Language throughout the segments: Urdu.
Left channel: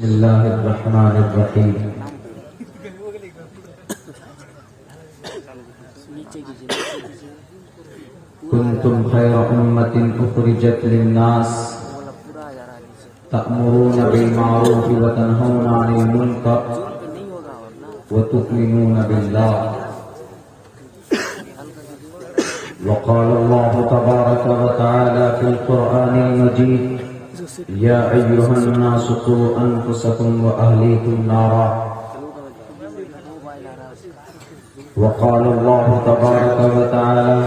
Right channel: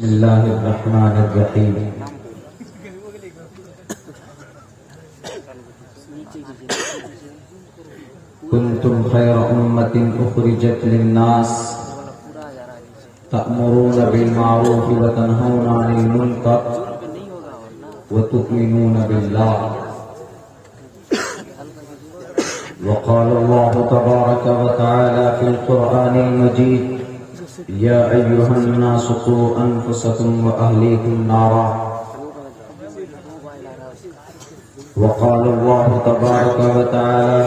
بسم اللہ الرحمن الرحیم کنتم خیر امت اخرجت للناس تأمرون بالمعروف وتنہون عن المنکر وتؤمنون باللہ وقال اللہ تبارک وتعالی فی القرآن المجید یا ایہا الناس قوا انفسکم واہلیکم نارا وقال اللہ تبارک وتعالی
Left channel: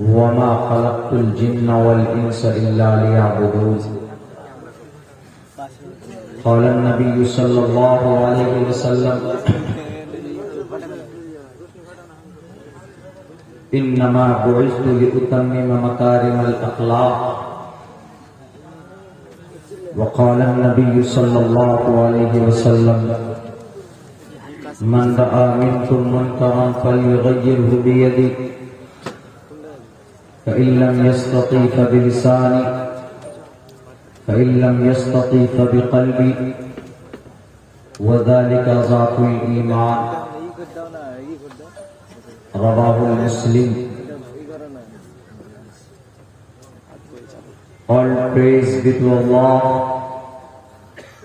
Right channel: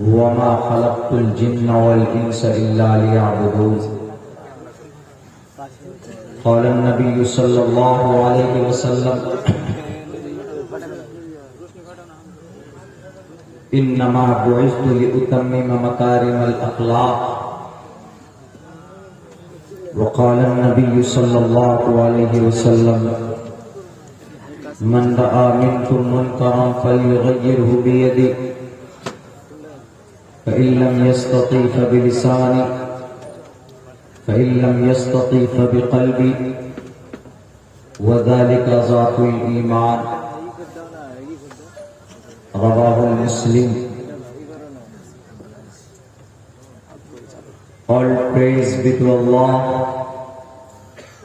وما خلقت الجن والانس الا ليعبدون قال النبي صلى الله عليه وسلم انما بعثت لاتمم مكارم الاخلاق وقال النبي صلى الله عليه وسلم من رأى منكم منكرا فليغيره بيده فإن لم يستطع فبلسانه فإن لم يستطع فبقلبه وذلك ضعف الإيمان رواه مسلم. All praise be to Allah,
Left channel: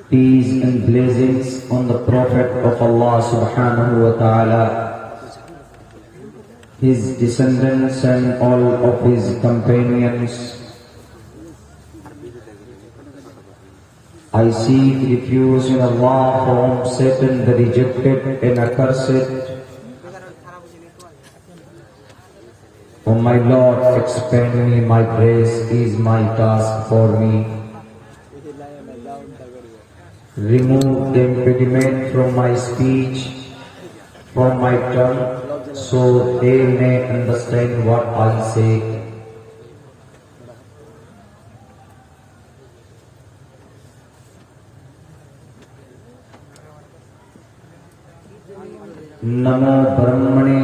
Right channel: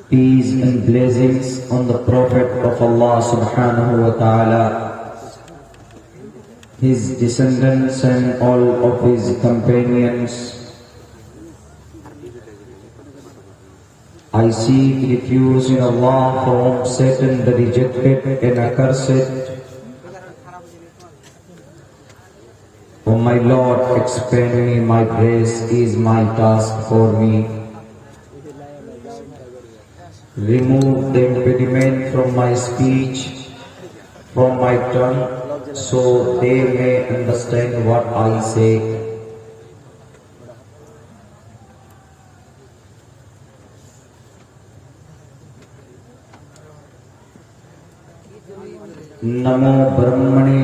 peace and blessings on the Prophet of Allah subhanahu wa ta'ala, his descendants and all of his companions. I seek refuge in Allah from Satan the rejected and accursed. O my Lord, expand me my grace is my task for me. Remove the impediment from my speech, from my tongue, so they may understand what I say. Namo Brahmane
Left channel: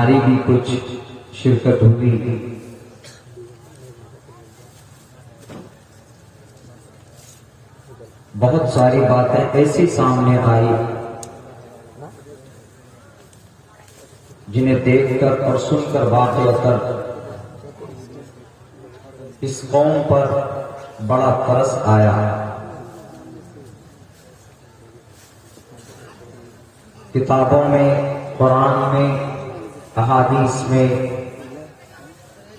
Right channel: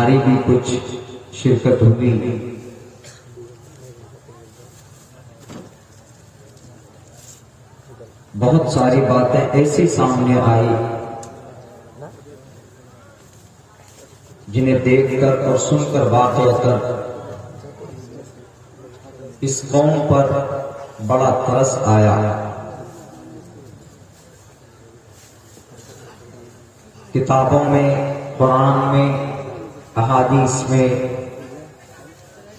ہماری بھی کچھ شرکت ہوئی. بہت ساری باتیں ایسی سامنے آئی جنہیں دیکھ کر اور سن کر واقع کر اس قوم پر بڑا ترس آیا. کتابوں میں، قرآن میں، احادیث میں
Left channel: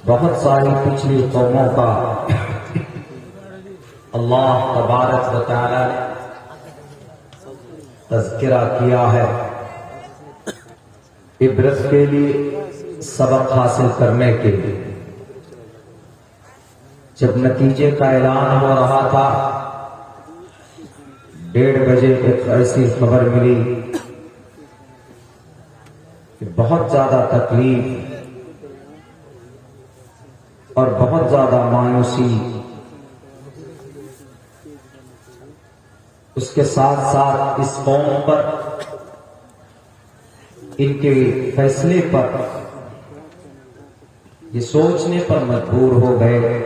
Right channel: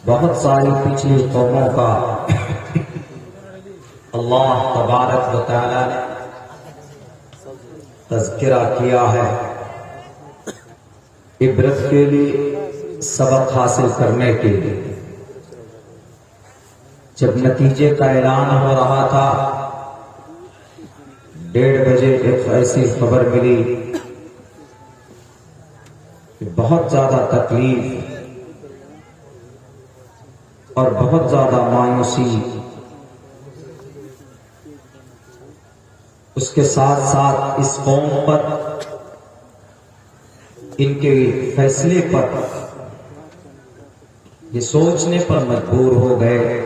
بہت ساری پچھلی قوموں کا اللہ تبارک و تعالی نے تذکرہ کیا ہے، عبرت کے لیے، سبق حاصل کرنے کے لیے. جب نتیجے کا اعلان ہو رہا تھا، 1:30 بجے ایک ایسی خبر ملی کہ بہت زیادہ تکلیف اور بہت زیادہ مایوسی، اس کے ساتھ ساتھ اس قوم پر، ان کے فیصلے پر یہ سوچنے پر مجبور ہو گئے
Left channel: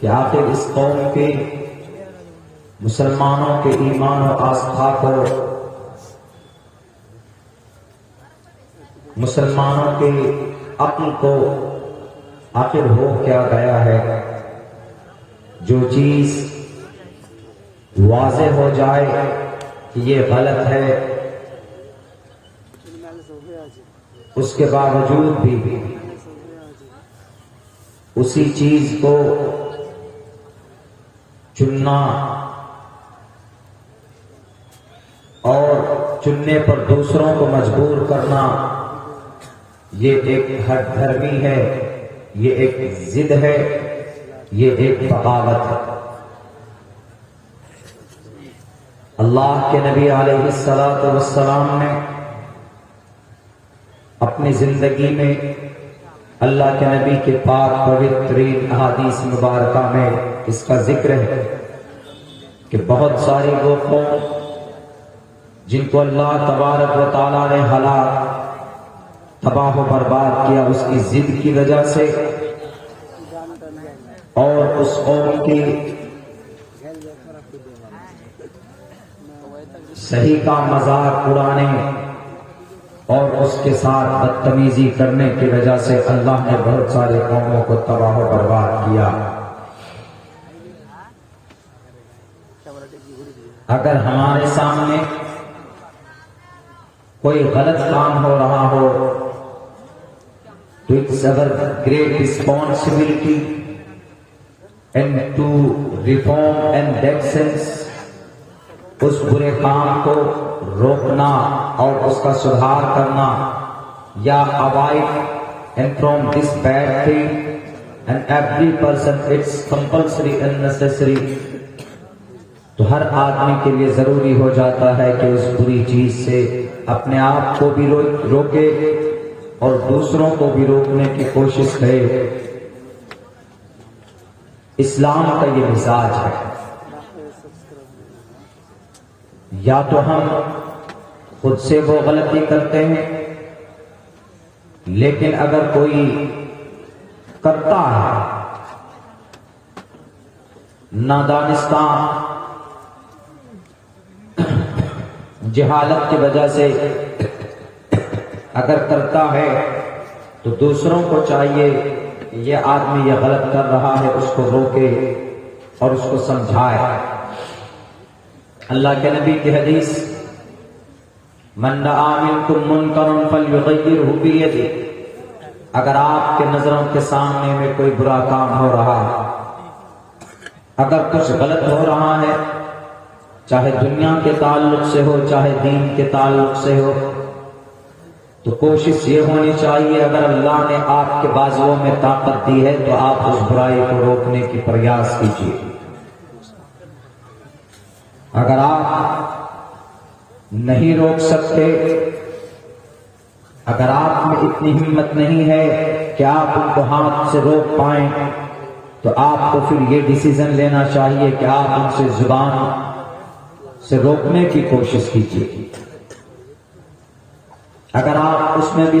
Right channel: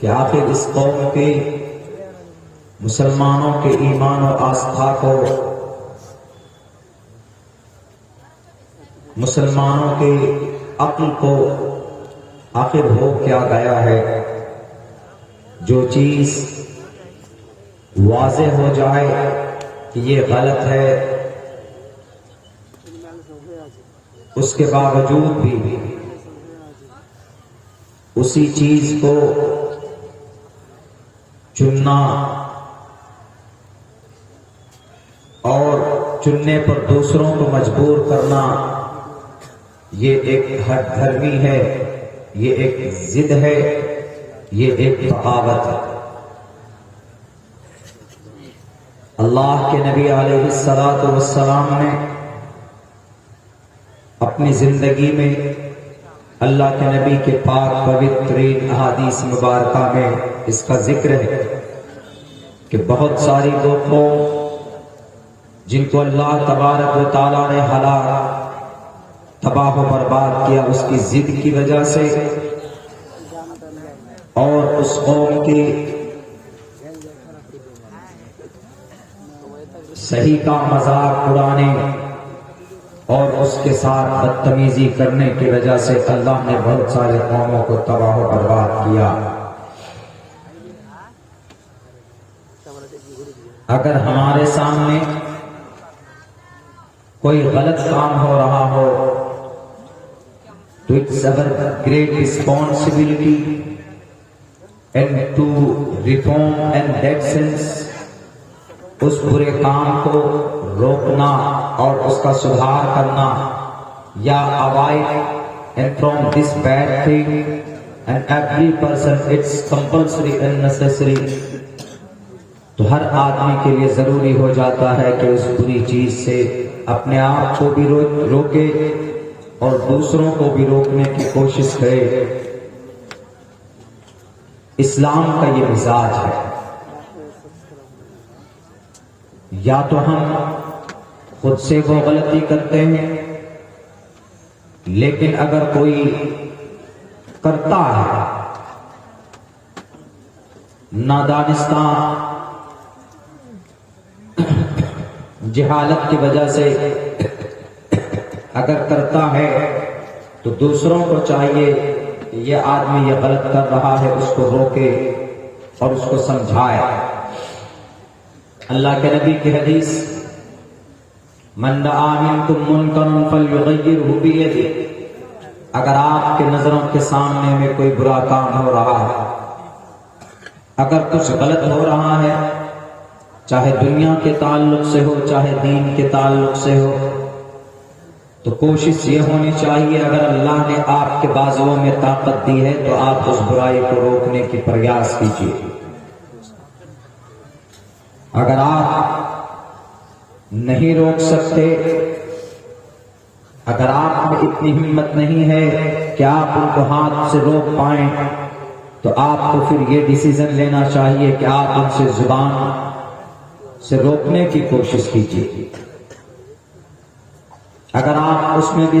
کہ آخر اس قوم کے مسلمانوں کے ایمان و آستھا کو، مسلمانوں کے عقل کو آخر ہو کیا گیا ہے. جو چیز واضح ہو جائے کہ یہ غلط ہے، اس کے باوجود بھی اسی چیز کو چننا اور چننے پر دوسروں کو مجبور کرنا، یہ ایک ہٹ دھرمی ہے، یہ ایک ضد ہے، یہ ایک بغاوت ہے. اللہ کے نبی علیہ الصلوۃ والسلام نے اپنی زندگی میں اللہ کے نبی کے پاک پوترین احادیث مبارکہ میں اس کا ذکر ہے کہ بہت ساری وہ قوم جن کو اللہ تبارک و تعالیٰ نے ہلاک، تباہ و برباد کیا اس کی ضد کی وجہ سے، اور اس قوم کی صحیح کا مذاق اڑانے اور اس کے ساتھ بدتمیزی کرنے کی وجہ سے اللہ نے بہت سارے قوموں کو تباہ و برباد کیا. اگر ہمارے سامنے کوئی غلط کام ہو رہا ہو تو it's our great responsibility and to reform and that sense اس برے کام کو روکنا اور اس کا سدھار کرنا، یا avoid and from this bad thing, and every person it's compulsory and necessary. تو ہر آدمی کے لیے ضروری ہو جاتا ہے کہ اس بری چیز سے اپنے آپ کو بھی روکے اور دوسروں کو بھی روکنے کی کوشش کرے. اسلام کا یہ مزاج ہے. یا تو ہم خود سے وہ غلطی کرتے ہیں، لیکن اگر کوئی کرتا ہے نادانستہ، جہالت کی وجہ سے اگر کرتا ہے تو دوسروں کو چاہیے کہ یہ آدمی یہ غلط کر رہا ہے، اس کو روکے اور اس کو سمجھائے. اللہ کے نبی کی حدیث، من رأى منكم منکرا فلیغیرہ بیدہ، اگر آپ کے نظروں کے سامنے میں کوئی برا کام ہو رہا ہے، اگر کچھ غلط ہو رہا ہے، چاہے دنیا کے تعلق سے ہو چاہے دین کے تعلق سے ہو، تو کوشش یہ ہونی چاہیے اگر اللہ نے آپ کے بازوؤں میں طاقت دی ہے تو آپ اس برائی کو روکنے کی پریاس کیجیے. اگر آپ نہیں روک سکتے، اگر آپ میں اتنی ہمت نہیں ہے کہ آپ ان کو ہاتھ سے روک پائیں، تو آپ کو پھر یہ ڈیسیژن لینا چاہیے کہ آپ ان سے زبان سے روکنے کی کوشش کیجیے. اگر آپ اس میں بھی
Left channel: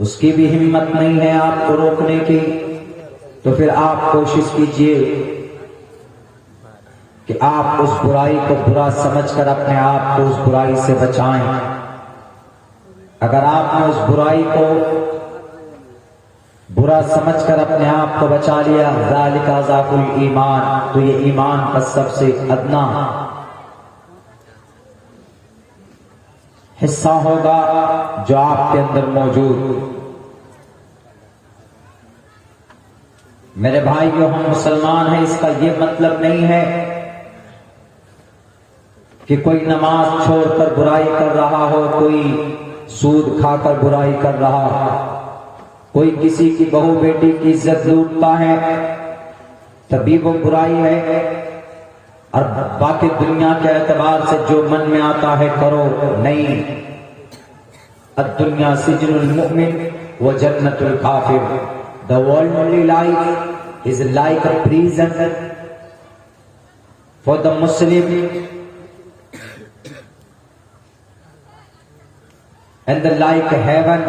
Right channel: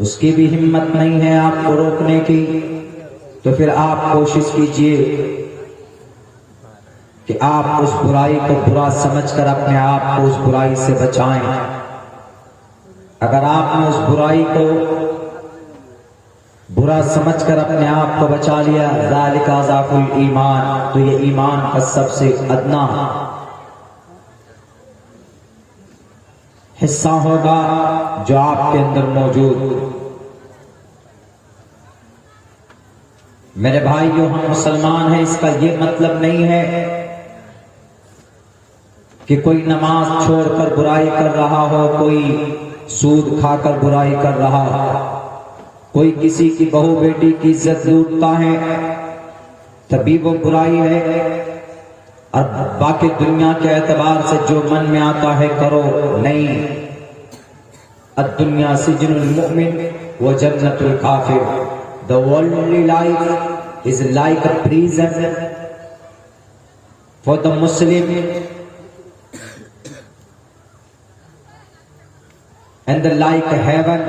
اس کی بھی ہمت نہیں ہے آپ کو روکنے کی، تو پھر آپ کوشش کیجئے کہ آپ اس برائی کو برا سمجھ کر اپنے آپ کو اس برائی سے بچائیں۔ اگر آپ نے اس برائی کو برا سمجھ کر اپنے آپ کو بچا لیا، ذالک ضعف الایمان، تو یہ ایمان کا سب سے ادنا حصہ ہوگا جو آپ کے اندر موجود۔ میرے بھائیو، ہم مسلمان ہیں، اس کا یہ مطلب نہیں ہے کہ کوئی نماز چھوڑ کر برائی کر رہا ہو، کوئی سود کھا کر برائی کر رہا ہو، کوئی کسی کی بہو بیٹی کی عزت لوٹتا ہے تبھی وہ برائی ہے، اور باقی دنیا کے اعتبار سے جو من میں آتا ہے کرو، نہیں۔ الدنیا سجن المؤمن و جنت الکافر۔ The worldly life is like a prison for the Muslim and the like heaven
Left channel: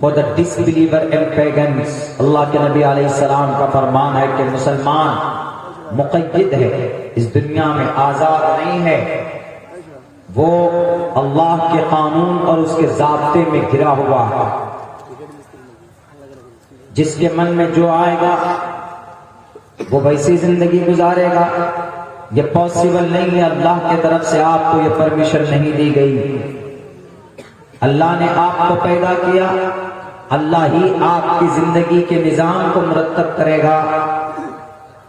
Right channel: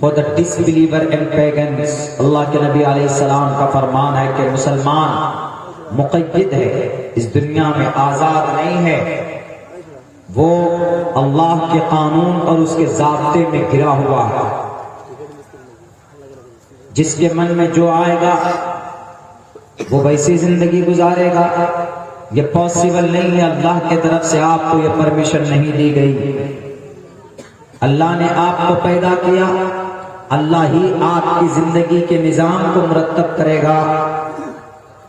for the disbeliever and pagans۔ اللہ کے نبی علیہ السلام کا فرمان ہے کہ مسلمان مقید ہے، اس دنیا میں آزاد نہیں ہے، وہ اللہ کے قانون اور اس کے ضابطے میں گھرا ہوا ہے۔ جس کے من میں جو آئے گا وہ ویسی زندگی گزارے گا۔ یہ پاسبل نہیں ہے، اللہ کی طرف سے آپ کو یہ پرمیشن نہیں دی گئی۔ اللہ نے آپ کو پیدا کیا، اللہ ہی آپ کی زندگی کے نظام کو مرتب کرے گا،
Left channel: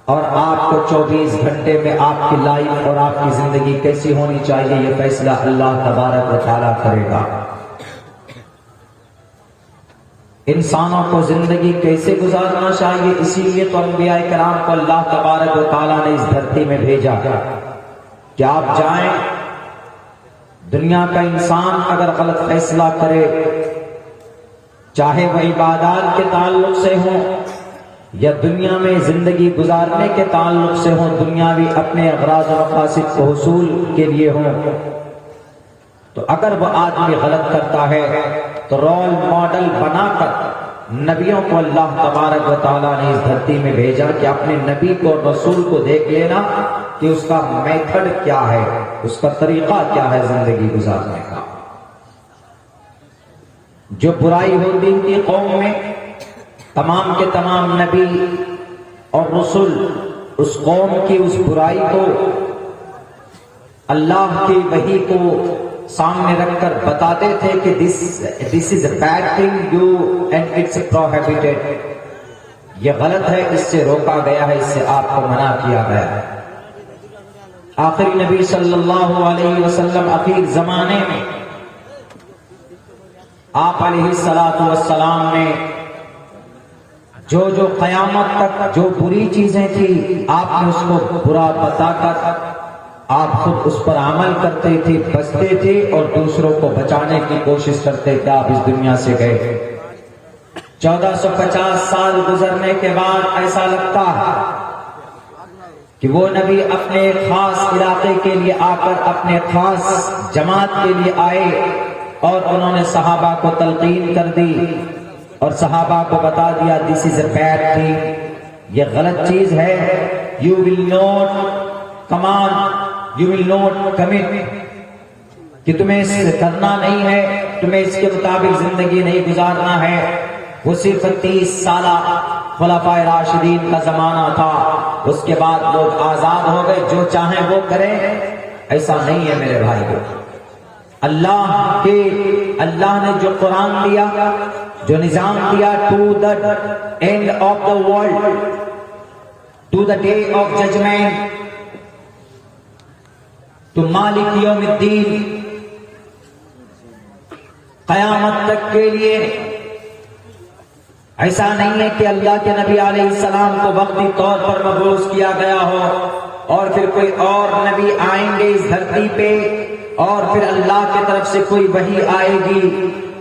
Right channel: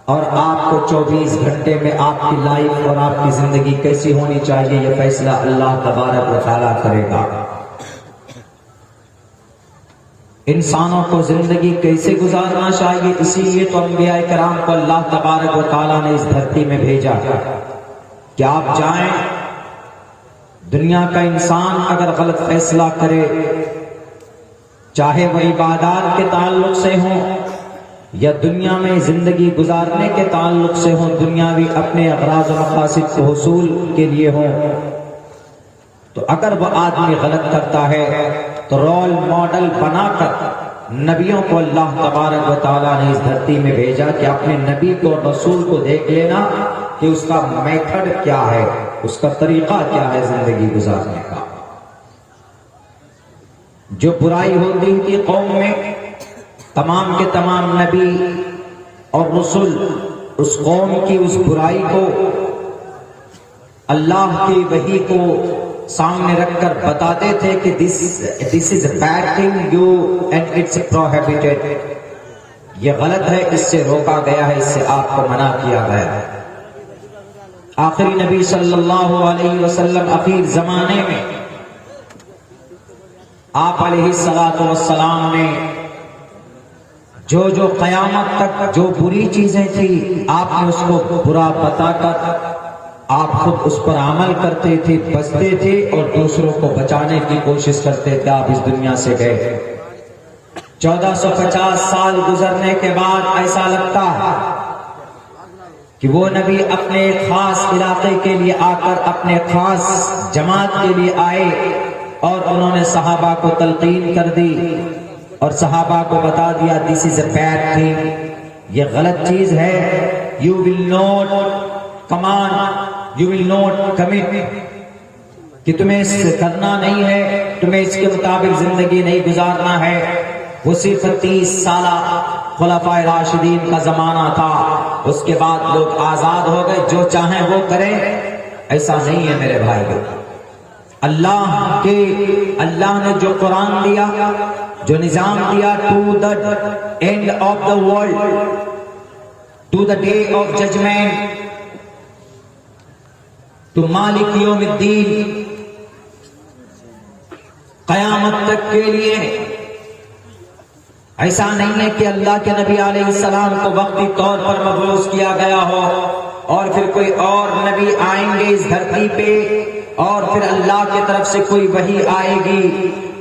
اور آپ کو 24 گھنٹے میں آپ کی لائف اور آپ کی زندگی کیسی ہونی چاہیے یہ فیصلہ اللہ تبارک و تعالیٰ کرے گا۔ انسانوں کو زندگی کیسے گزارنا چاہیے، اسی لیے تو انبیاء کرام کو اللہ تبارک و تعالیٰ نے اس دھرتی میں بھیجا کہ آپ جائیں، دنیا کا انسان اگر غلط فیصلہ کرے، چاہے وہ عبادات کے تعلق سے ہوں یا دنیا میں زندگی گزارنے کے تعلق سے ہوں، دنیاوی اپنے اغراض و مقاصد کے حصول کے لیے ہوں، تو اگر وہ آدمی غلط کرتا ہے تو رول ماڈل بنا کر نبیوں کو اللہ تبارک و تعالیٰ نے اس دھرتی میں بھیجا کہ اپنے نبی کو رسول کو دیکھ لینا کہ اس کا میتھڈ کیا ہے، اس کا طریقہ کیا ہے زندگی گزارنے کا۔ جو برائی ہوتی تھی قوم میں، تمام کے تمام نبی اور رسول اس قوم کی اس برائی کو اللہ کی وحی کو سامنے رکھ کر بتاتے تھے کہ this is a bad thing you and it's prohibited، یہ غلط ہے، اس سے روکا گیا ہے، اس سے آپ کو منع کیا گیا ہے۔ آخری نبی صلی اللہ علیہ وسلم اخیر زمانے میں آپ علیہ السلام نے جو جو قیامت تک جو بری چیزیں تھی آپ نے اس کو برا بتا کر آپ خود اس پر عمل کرتے تھے، بچتے تھے اور دوسروں کو بچانے کی کوشش کرتے تھے۔ آپ اس دنیا سے گئے، 1450 سال گزرنے کے بعد ایسا لگتا ہے کہ وہ نبی اپنے خاص علاقے کے لیے آ کر اپنے خاص جماعت کے لیے آئے اور انہوں نے صحابہ کو تلقین کر دی اور صحابہ کو بتا دیا this is a bad thing، یہ غلط چیز ہے، you will not come on، you will not commit، کہ تمہیں اس سے کرنا نہیں ہے، تمہیں اس کے مطابق زندگی نہیں گزارنا ہے۔ وہ صرف 30 سالہ خلفائے راشدین کا زمانہ تھا، اس کے بعد لوگ آزاد ہو گئے، جو چاہیں وہ کریں، ایسا نہیں ہے میرے بھائیو۔ اللہ نے جو قرآن دیا، جو نظام دیا to the end of the world، to the day of judgment، to مالک یوم الدین، قیامت تک کے لیے، ایسا نہیں ہے کہ اللہ کے نبی علیہ السلام کو وقتی طور پر مبعوث کیا گیا ہو اور پھر کوئی اور نبی آئیں گے اس دھرتی پہ اور پھر اللہ کی طرف سے کوئی وحی آئے گی،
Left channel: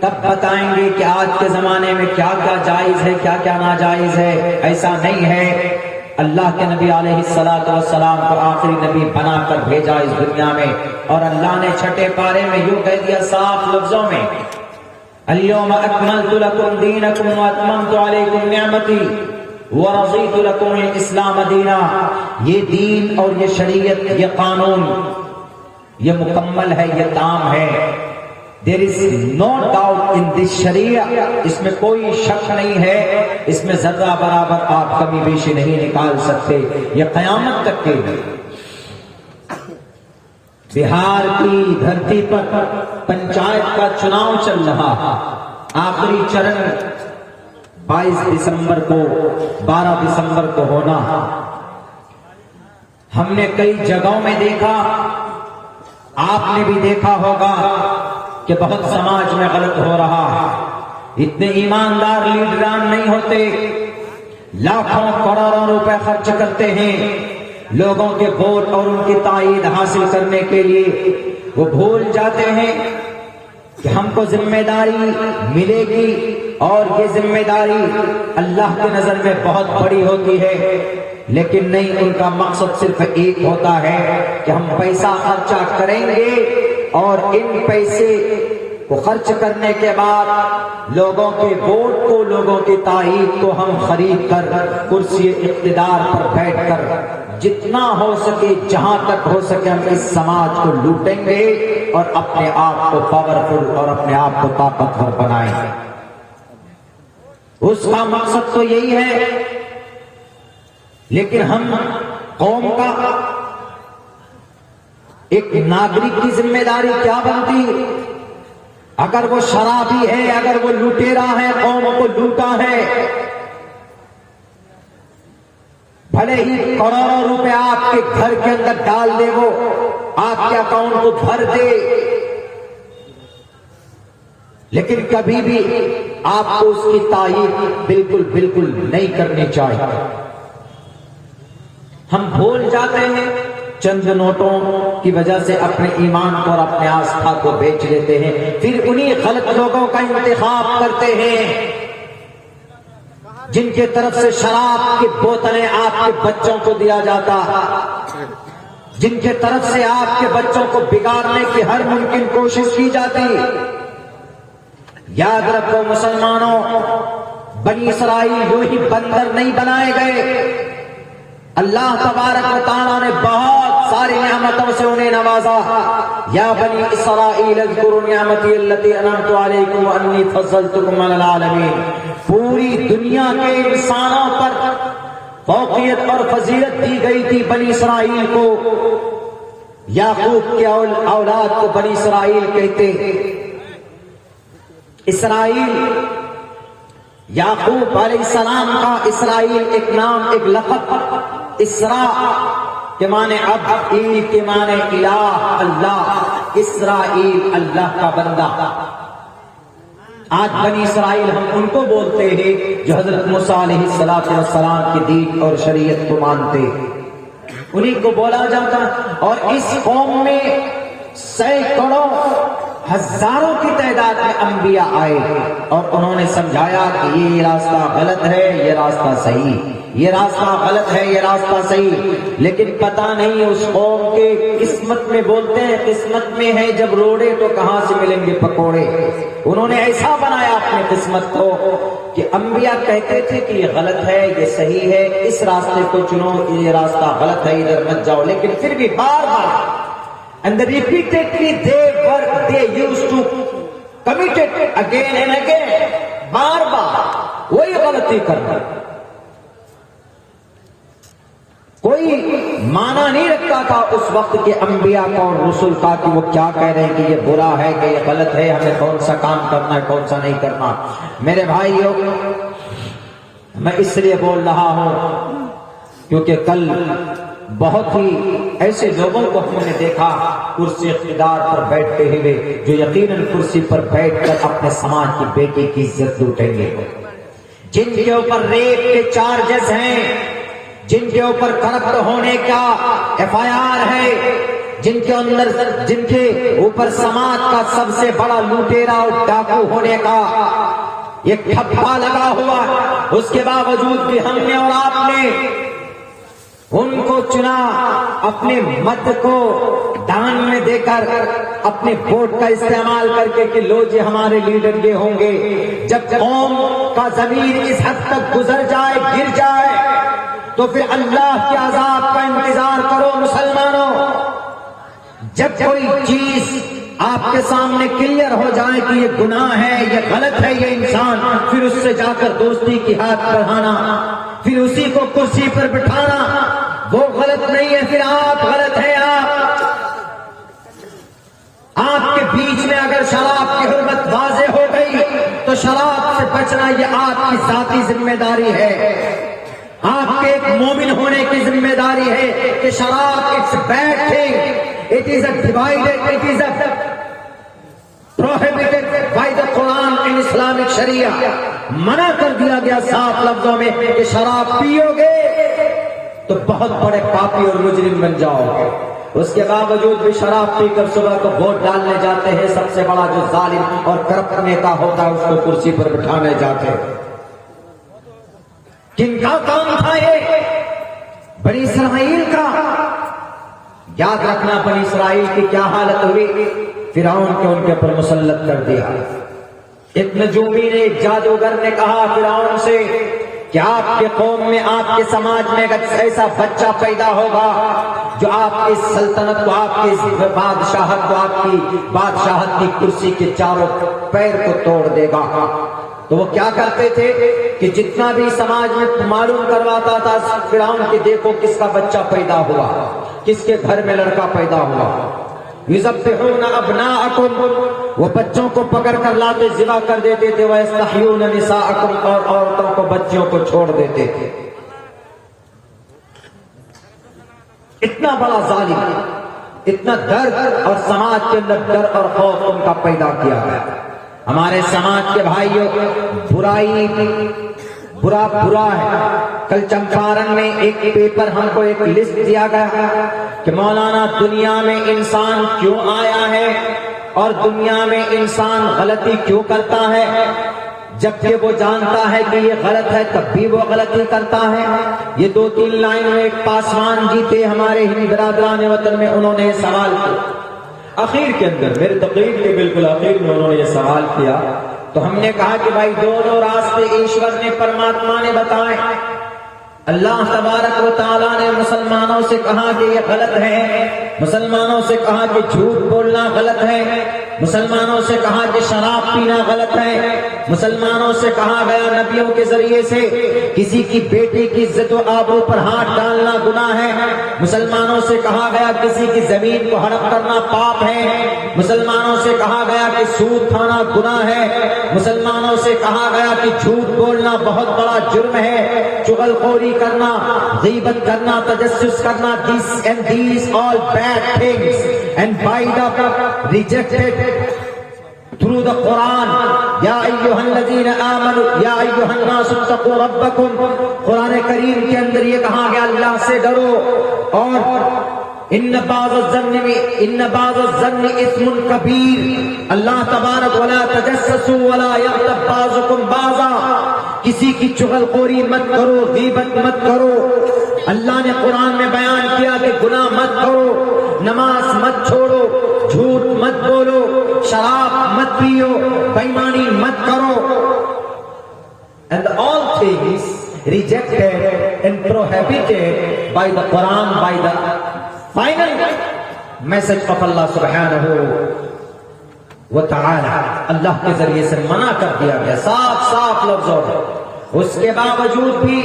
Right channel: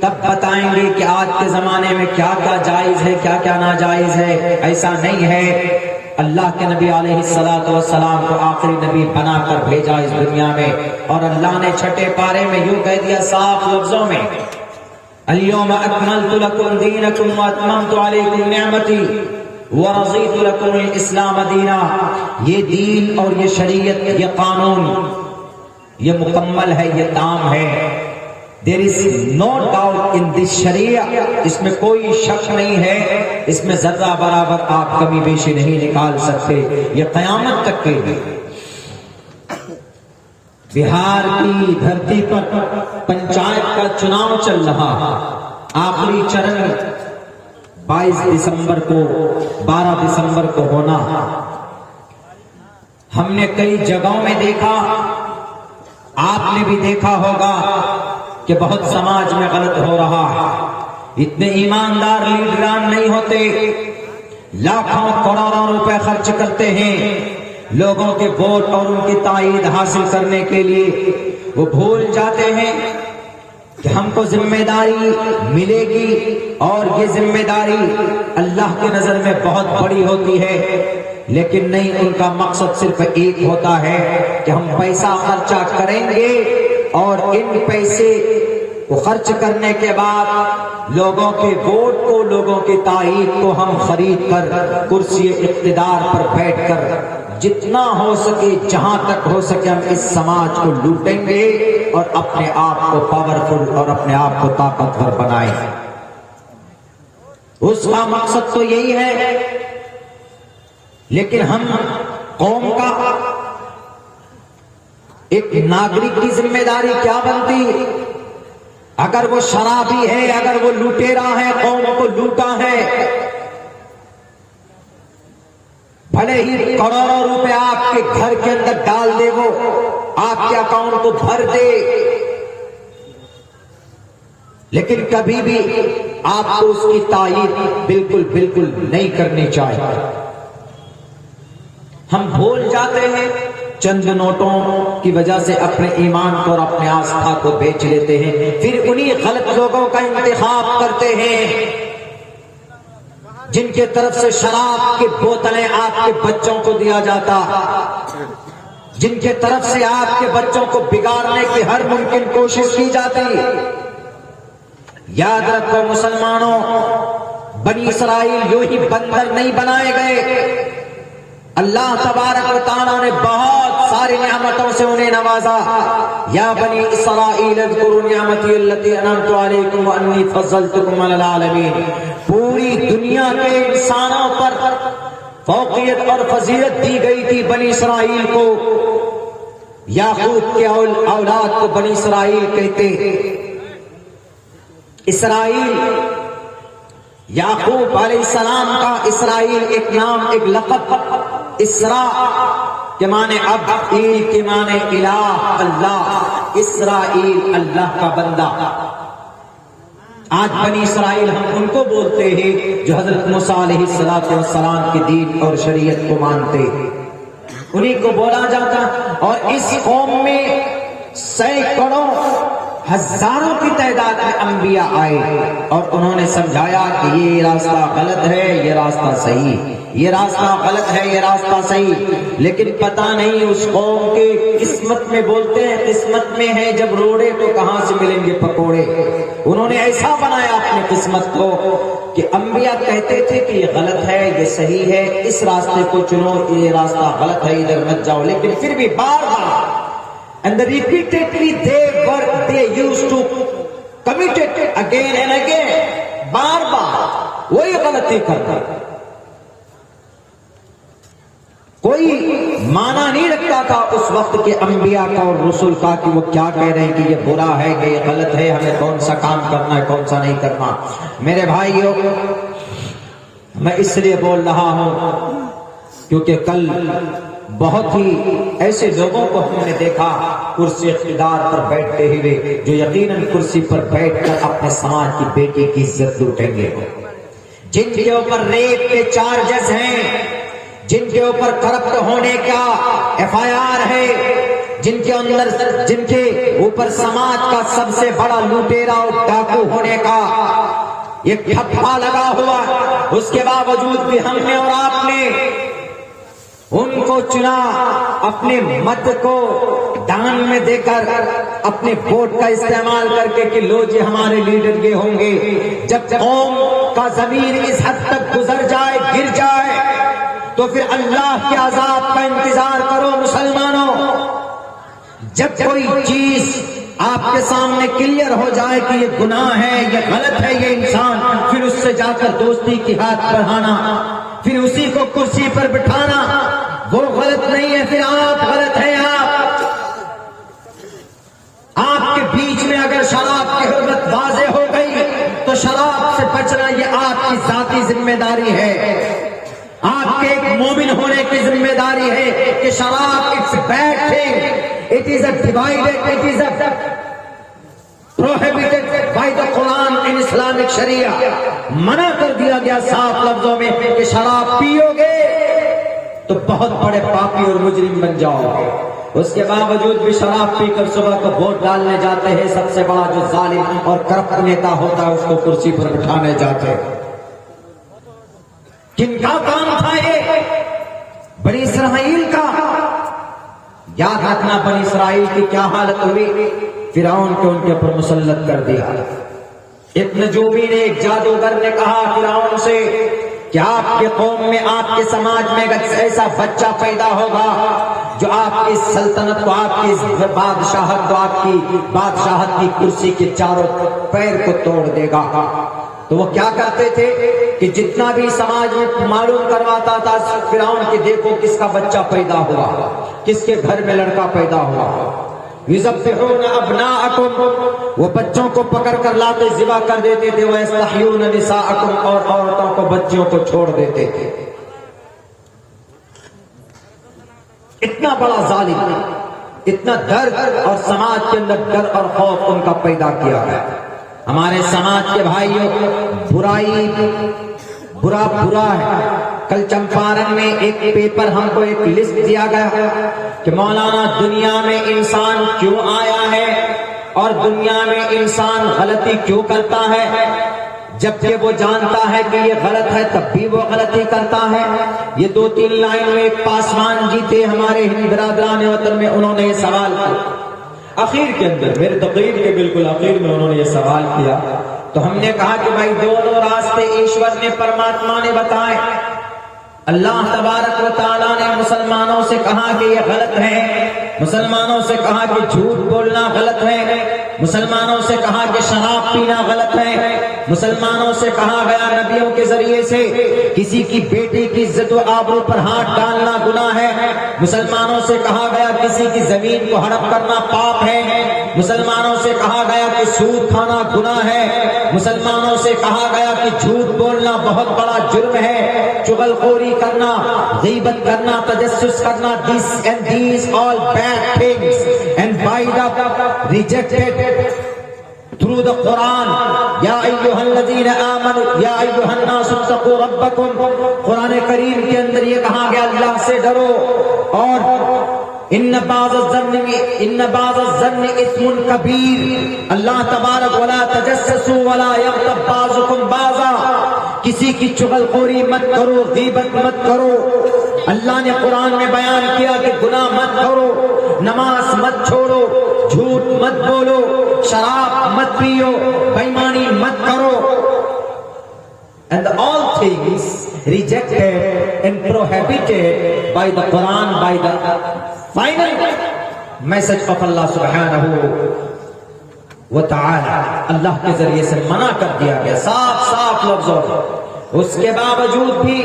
تب بتائیں گے کہ آج کے زمانے میں کیا کیا جائز ہے، کیا کیا ناجائز ہے۔ ایسا نہیں ہے، اللہ کے نبی علیہ السلام کو آخری نبی بنا کر بھیجا اس دنیا میں، اور اللہ نے چھٹے پارے میں یوں کہہ دیا صاف لفظوں میں، اليوم اکملت لکم دینکم واتممت علیکم نعمتی ورضیت لکم الاسلام دینا. یہ دین اور یہ شریعت، یہ قانون، یہ مکمل ہے، یہ تام ہے. There is no doubt in this Sharia. اس میں کوئی شک نہیں ہے، اس میں ذرہ برابر آپ کمی بیشی نہیں نکال سکتے. یہ قیامت تک کے لیے. بہار کی دھرتی پر پنچایت کا چناؤ چل رہا، آخری چرن 22 دسمبر کو 12 دسمبر کو ہونا. ہم نے کئی جگہوں میں دیکھا، آپ نے بھی دیکھا ہوگا کہ بہت سماج میں غلط ہو رہا. اتنے ایماندار لیڈران نہیں ہوتے، لاکھوں کروڑوں روپے خرچ کرتے ہیں لوگوں کے ووٹ اور ان کی تائید حاصل کرنے کے لیے. وہ بھول جاتے ہیں کہ ہم کو ذمہ داری ملے گی، اور یہ ذمہ داری اللہ کی نظر میں بہت بڑی ہوتی ہے. لیکن نہیں، ان کا مقصد صرف ایک ہوتا ہے کہ ہم پیسہ خرچہ کریں گے، اور ان پیسے کو خرچ کرنے کے بعد لوگوں کے ووٹ کو، لوگوں کی تائید کو ہم خرید کر کرسی اقتدار پر بیٹھ کر جتنا ہو سکے، جہاں تک ہو سکے، ہم اس سماج کو لوٹیں گے اور اپنے آپ کو پاورفل اور اپنے آپ کو طاقتور بنائیں. اس کا مقصد تو یہی ہے. لیکن ہم قوم کا ایک ناگرک کی ذمہ داری کیا بنتی؟ اگر وہ شرابی ہے، اگر وہ لوٹیرا ہے، قوم کو لوٹا ہے، بھلے ہی کروڑوں روپے آپ کے گھر کے اندر ڈال دے، وہ آپ کے اکاؤنٹ کو بھر دے، لیکن کبھی بھی آپ کو اس کی تائید بالکل نہیں کرنی چاہیے. ہم بھول جاتے ہیں، چند نوٹوں کی وجہ سے اپنے ایمان کو اور اپنے آستھا کو بیچ لیتے ہیں، پھر انہی غلط لوگوں کا انتخاب کرتے ہیں جن کے طرف سے شراب کی بوتلیں آپ کے بچوں کو دیا جاتا، جن کے طرف سے آپ کے بچوں کو بگاڑنے کی ہر ممکن کوشش کی جاتی. یاد رکھو مسلمانوں، بنی اسرائیل یوں ہی بندر نہیں بنائے گئے. اللہ تبارک و تعالیٰ نے بہت ساری نعمتوں سے انہیں نوازا. یا بنی اسرائیل اذکروا نعمتی التی انعمت علیکم وانی فضلتکم علی العالمین. پوری دنیا کے انسانوں پر فوقیت اور فضیلت دی گئی تھی بنی اسرائیل کو. یعقوب کے اولاد کو بنی اسرائیل کہتے. اسرائیل، یعقوب علیہ السلام کا اسرائیل ایک نام، ایک لقب. اسرا کے معنی اب، ایل کے معنی الہ، اللہ. اسرائیل اللہ کا بندہ. آج بنی اسرائیل ہم ان کو بولتے ہیں جو حضرت موسیٰ علیہ السلام کی دین اور شریعت کو مانتے، انہی کو بولا جاتا. اور اس قوم میں سینکڑوں ہزاروں کی تعداد میں انبیاء آئے اور انہوں نے سمجھایا کہ یہ راستہ غلط ہے، یہ راستہ صحیح، یہ راستہ غلط ہے، یہ راستہ صحیح. لیکن پتہ نہیں اس قوم کے قسمت میں، بولتے ہیں قسمت میں ہے جب روڑے تو کہاں سے ملیں گے پکوڑے. انہوں نے ایسا بنایا اپنے قسمت کو کہ انبیاء کہتے تھے کہ یہ غلط ہے، یہ صحیح ہے، اس راستے کو چنو، یہ راستہ غلط ہے، ادھر مت جاؤ. لیکن پھر بھی بار and repeatedly they used to commit it again and again. بار بار وہی غلطی کرنا. کوئی معنی نہیں رکھتا تھا اس وقت کے انبیاء کا اور رسول کا کہ وہ کیا کہہ رہے ہیں کہ یہ برا ہے، کہ یہ غلط ہے، ہمیں کون سا کام کرنا ہے، کون سا نہیں کرنا. میرے بھائیو، میں اس لیے بول رہا ہوں کیونکہ کل بہت ہی ایسے لوگوں کو ہم نے دیکھا کرسی اقتدار پر بیٹھتے ہوئے جو یقیناً کرسی پر بیٹھ کر اپنے سماج کی بیٹی کی عزت لوٹیں گے، جن کے اوپر ریپ کے چارجز ہیں، جن کے اوپر کرپٹ ہونے کا FIR ہے، جن کے اوپر سماج کا سب سے بڑا لوٹیرا اور ڈاکو ہونے کا یہ ٹھپا لگا ہوا. اس کے باوجود بھی ہم نے اور آپ نے ان کو چنا، اپنے مت کو دان میں دے کر، اپنے ووٹ کا استعمال کر کے کہ لو جی ہمارے لیڈر یہ ہوں گے. جب قوم کا ضمیر اس حد تک گزر جائے، گر جائے، تو پھر اللہ کے عذاب کا انتظار کرو مسلمانوں. جب کوئی چیز آپ کے سامنے کلیئر ہو جائے کہ یہ گناہ ہے، یہ غلط ہے، یہ انسان، پھر اس سے جا کر دوستی کی ہاتھ بڑھانا، پھر اسی کو کرسی پر بٹھانا، وہ غلط نہیں ہے، پھر آپ غلط ہیں. آپ کے بیچ میں اگر شراب کی حرمت واضح ہو گئی تو شراب سے بچنا یہ آپ کی ذاتی ذمہ داری ہے. آپ کے ایک مومن ہونے کی ذمہ داری ہے کہ شراب it's bad thing, it is a divided, it is a prohibited by the Quran in Islamic Sharia. منع کر دیا گیا صاف لفظوں میں کہ شراب پیو گے تو بہت بڑے پاپی اور مجرم بن جاؤ گے. اس کے باوجود بھی شراب پی کر صبح کو ووٹ ڈالنے جاتے ہیں. سب سے بڑا جو ظالم اور کرپٹ نیتا ہوتا ہے اس کو کرسی پر بٹھانے جاتے ہیں. کن کا کام تھا یہ؟ بنی اسرائیل کا. یاد رکھنا بنی اسرائیل کی کیا حالت ہوئی. فرعون کو ان کے اوپر مسلط کر دیا. ایک نجومی نے، ایک جادوگر نے کہا فرعون سے کہ آپ کے قوم میں، آپ کے سماج میں ایک ایسا بچہ پیدا ہوگا جو آپ کی سلطنت کو، آپ کی بادشاہت کو، آپ کی بادشاہت کی کرسی کے چاروں پیر کو توڑ دے گا. تو وہ کیا کرتے تھے کہ جتنا بھی سماج میں معلوم کرواتا تھا فرعون کہ دیکھو کس کا بچہ پیدا ہوا، کس کے گھر میں لڑکا پیدا ہوا. یذبحون ابناءکم، وہ بچوں کو پکڑ کر لاتے ذبح کر دیتے تھے. ویستحیون نساءکم، اور عورتوں کو بچوں کو چھوڑ دیتے تھے. اتنا بڑا ظالم، اتنا درد اور سماج کے اندر ڈر اور خوف ان کا پیدا کیا ہے. ہمارے سماج کے بھائیوں، برائی برا ہے. کل چمپارن میں ایک پیپر ہم کو ایک لسٹ دیا گیا کہ مولانا دنیا میں انسان کیوں آیا ہے اور دنیا میں انسان غلطی کیوں کرتا ہے، جبکہ وہ جانتا ہے کہ یہ غلط ہے تب بھی وہ غلطی کرتا ہے. یہ 2-3 لائنوں ایک پاسوان جی تھے ہمارے ہند برادران وطن میں، انہوں نے یہ سوال کیا. اخیر کے اندر، میرے تقریر کے بالکل اخیر میں انہوں نے یہ سوال کیا. تو ہم نے کہا کہ بھائی دونوں راستے ایشور نے، پرماتما نے بتائے. اللہ تبارک و تعالیٰ نے مسلمانوں سے کہا کہ یہ غلط ہے، مسلمانوں سے کہا کہ جھوٹ بولنا غلط ہے، مسلمانوں سے کہا کہ شراب پینا غلط ہے، مسلمانوں سے کہا گیا نبیوں کے ذریعے سے کسی کی بیٹی کی عزت و آبرو پر ہاتھ ڈالنا گناہ ہے، مسلمانوں سے کہا گیا کسی کی زمین کو ہڑپ کرنا پاپ ہے، مسلمانوں سے کہا گیا کہ سود کھانا گناہ ہے، مسلمانوں سے کہا گیا کہ جھوٹ بولنا بہت بڑا جرم ہے، چغل خوری کرنا، غیبت کرنا، تجسس کرنا، these all bad things and dried up rejected through the Quran. یا ایھا الذین آمنوا یا ایھا الناس اتقوا ربکم. قرآن کریم کے اندر یہ کہا گیا اللہ سے ڈرو. اور ان بعض الظن اثم کبیر. اللہ تبارک ولا تجسسوا ولا یغتب بعضکم بعضا. کسی کی چغل خوری مت کرو، غیبت مت کرو. اللہ نے قرآن میں بیان کیا کہ گناہ مت کرو، نماز مت چھوڑو، جھوٹ مت بولو، شراب مت پیو، بےایمانی مت کرو. And all things rejected and prohibited by the Quran, by the final message of Allah subhanahu wa ta'ala. اللہ کے ذریعے سے منع کر دیا گیا صاف لفظوں میں. اس کے باوجود بھی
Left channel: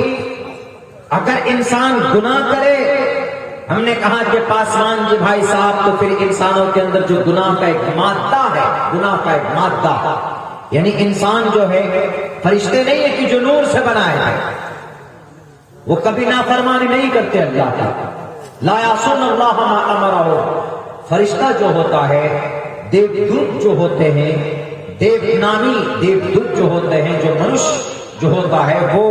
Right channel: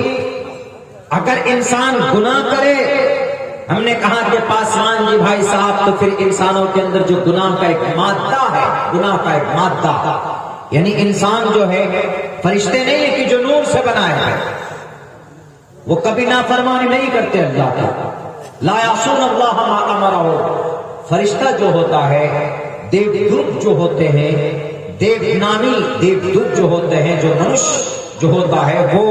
اگر انسان گناہ کرے، ہم نے کہا کہ پاسوان جی بھائی صاحب، تو پھر انسانوں کے اندر جو گناہ کا ایک مادہ ہے، گناہ کا ایک مادہ، یعنی انسان جو ہے فرشتے نہیں ہے کہ جو نور سے بنایا ہے، وہ کبھی نافرمانی نہیں کرتے اللہ کا. لا یعصون اللہ ما امرہ. فرشتہ جو ہوتا ہے، دیودت جو ہوتے ہیں، دیونامی دیودت جو ہوتے ہیں، جو منش جو ہوتا ہے وہ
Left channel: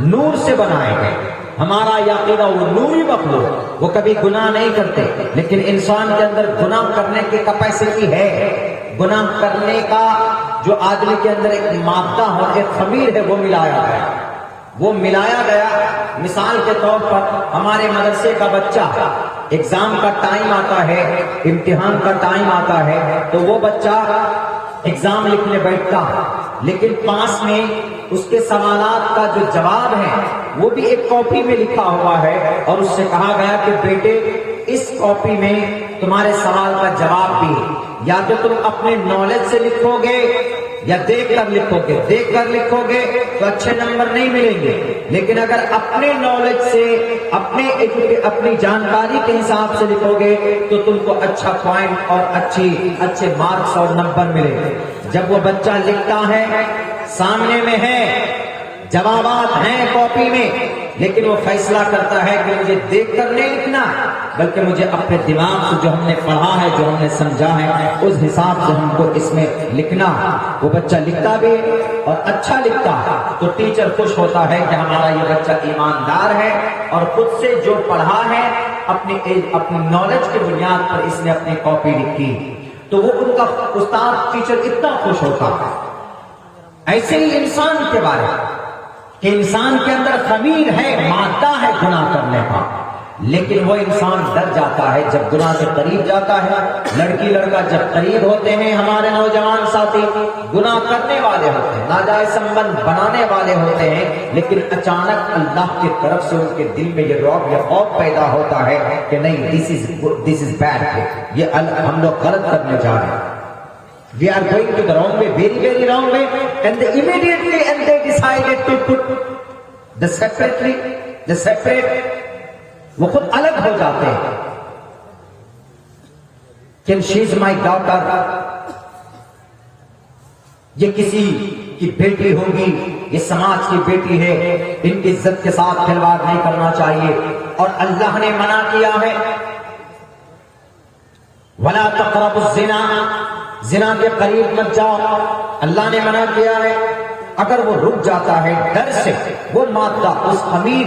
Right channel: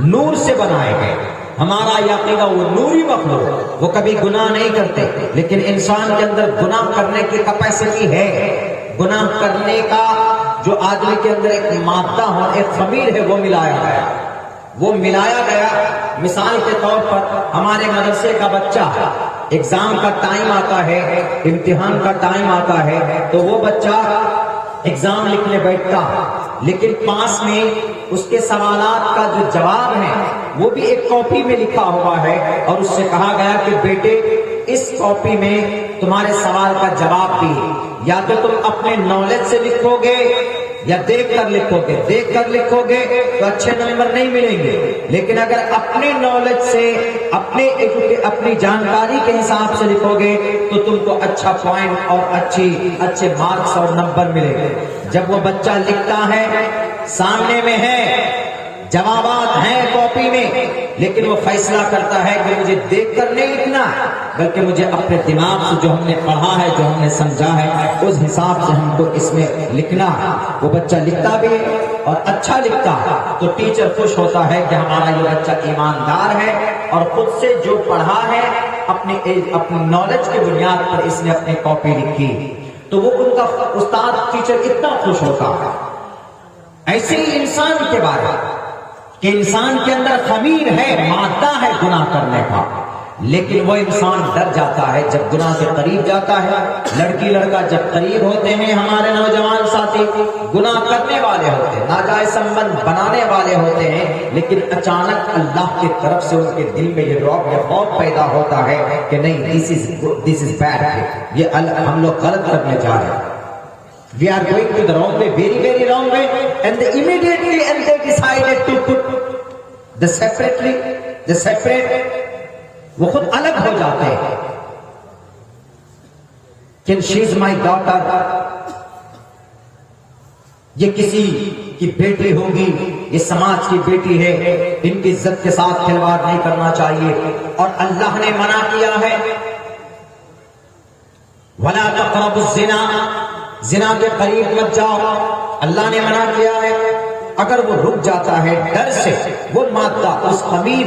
نور سے بنائے گئے. ہمارا یقین وہ نوری مخلوق، وہ کبھی گناہ نہیں کرتے. لیکن انسان کے اندر گناہ کرنے کی کیپیسٹی ہے. گناہ کرنے کا جو آدمی کے اندر ایک مادہ ہو، ایک خمیر ہے، وہ ملایا گیا. وہ ملایا گیا۔ مثال کے طور پر ہمارے مدرسے کا بچہ ایگزام کا ٹائم آتا ہے، امتحان کا ٹائم آتا ہے، تو وہ بچہ ایگزام لکھنے بیٹھتا، لیکن پاس میں اس کے سوالات کا جو جواب ہے وہ بھی ایک کاپی میں لکھا ہوا ہے، اور اس سے کہا گیا کہ بیٹے اس کاپی میں تمہارے سوال کا جواب بھی یا تو تم اپنے نالج سے لکھو گے یا دیکھ کر لکھو گے۔ دیکھ کر لکھو گے تو اچھے نمبر نہیں ملیں گے، لیکن اگر اپنے نالج سے اپنی جانکاری کے حساب سے لکھو گے تو تم کو اچھا پوائنٹ اور اچھے مارکس اور نمبر ملیں گے۔ جب وہ بچہ لکھتا ہے، سامنے میں ہے، جوابات ہیں کاپی میں، لیکن وہ فیصلہ کرتا ہے کہ مجھے دیکھ کر نہیں لکھنا، بلکہ مجھے اپنے دماغ سے جو ہم نے پڑھا ہے، جو ہم نے سمجھا ہے، اس حساب سے ہم کو اس میں لکھنا۔ وہ بچہ لکھتا بھی اور اچھا لکھتا تو ٹیچر خوش ہوتا ہے کہ ہمارا یہ بچہ ایماندار ہے اور خود سے جو پڑھا ہے اپنی نالج کی بنیاد پر اس نے اپنی کاپی لکھی، تو وہ ان کا استاد ٹیچر اتنا خوش ہوتا ہے۔ ایسے ہی انسان کے بارے کہ انسان کے اندر خمیر ہے، مادہ ہے گناہ کرنے کا، لیکن وہ انسان ڈر جاتا ہے جب گناہ سے قریب جاتا ہے۔ لڑکی لڑکا جب قریب ہوتے ہیں، ہمارے نوجوان ساتھی گناہ کرنے والے ہوتے ہیں، ناجائز سنبندھ بنانے والے ہوتے ہیں، لیکن اچانک اللہ کی طرف سے ان کے دل میں یہ رعب یا خوف پیدا ہوتا ہے کہ نہیں، دس از بیڈ، یہ ہم لوگ غلط کرنے جا رہے ہیں۔ We are going to the wrong way, very, very wrong way, and they decided to put the separate, وہ خود الگ ہو جاتے ہیں کہ she is my daughter، یہ کسی کی بیٹی ہوگی، یہ سماج کی بیٹی ہے، ان کی عزت کے ساتھ کھلواڑ نہیں کرنا چاہیے۔ اور اللہ نے منع کیا ہے، وَلَا تَقْرَبُوا الزِّنَا، زنا کے قریب مت جاؤ، اللہ نے منع کیا ہے۔ اگر وہ رک جاتا ہے ڈر سے، وہ مادہ اس خمیر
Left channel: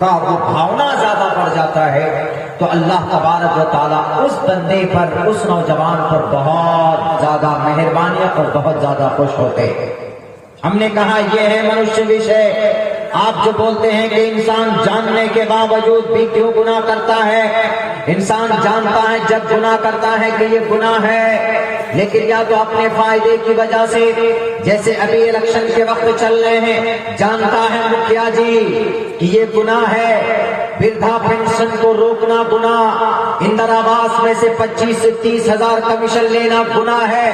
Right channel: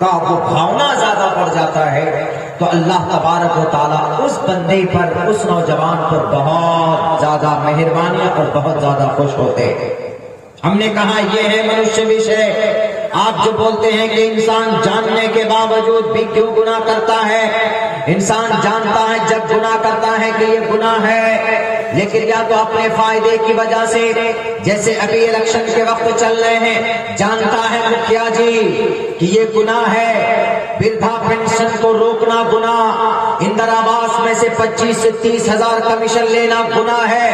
کا وہ بھاونا زیادہ بڑھ جاتا ہے، تو اللہ تبارک و تعالیٰ اس بندے پر، اس نوجوان پر بہت زیادہ مہربانی اور بہت زیادہ خوش ہوتے ہیں۔ ہم نے کہا یہ ہے منشیہ وشے۔ آپ جو بولتے ہیں کہ انسان جاننے کے باوجود بھی کیوں گناہ کرتا ہے، انسان جانتا ہے جب گناہ کرتا ہے کہ یہ گناہ ہے، لیکن یا تو اپنے فائدے کی وجہ سے، جیسے ابھی الیکشن کے وقت چل رہے ہیں، جانتا ہے مکھیا جی کہ یہ گناہ ہے، وردھا پینشن کو روکنا گناہ، اندر آواس میں سے 25 سے 30 ہزار کمیشن لینا گناہ ہے،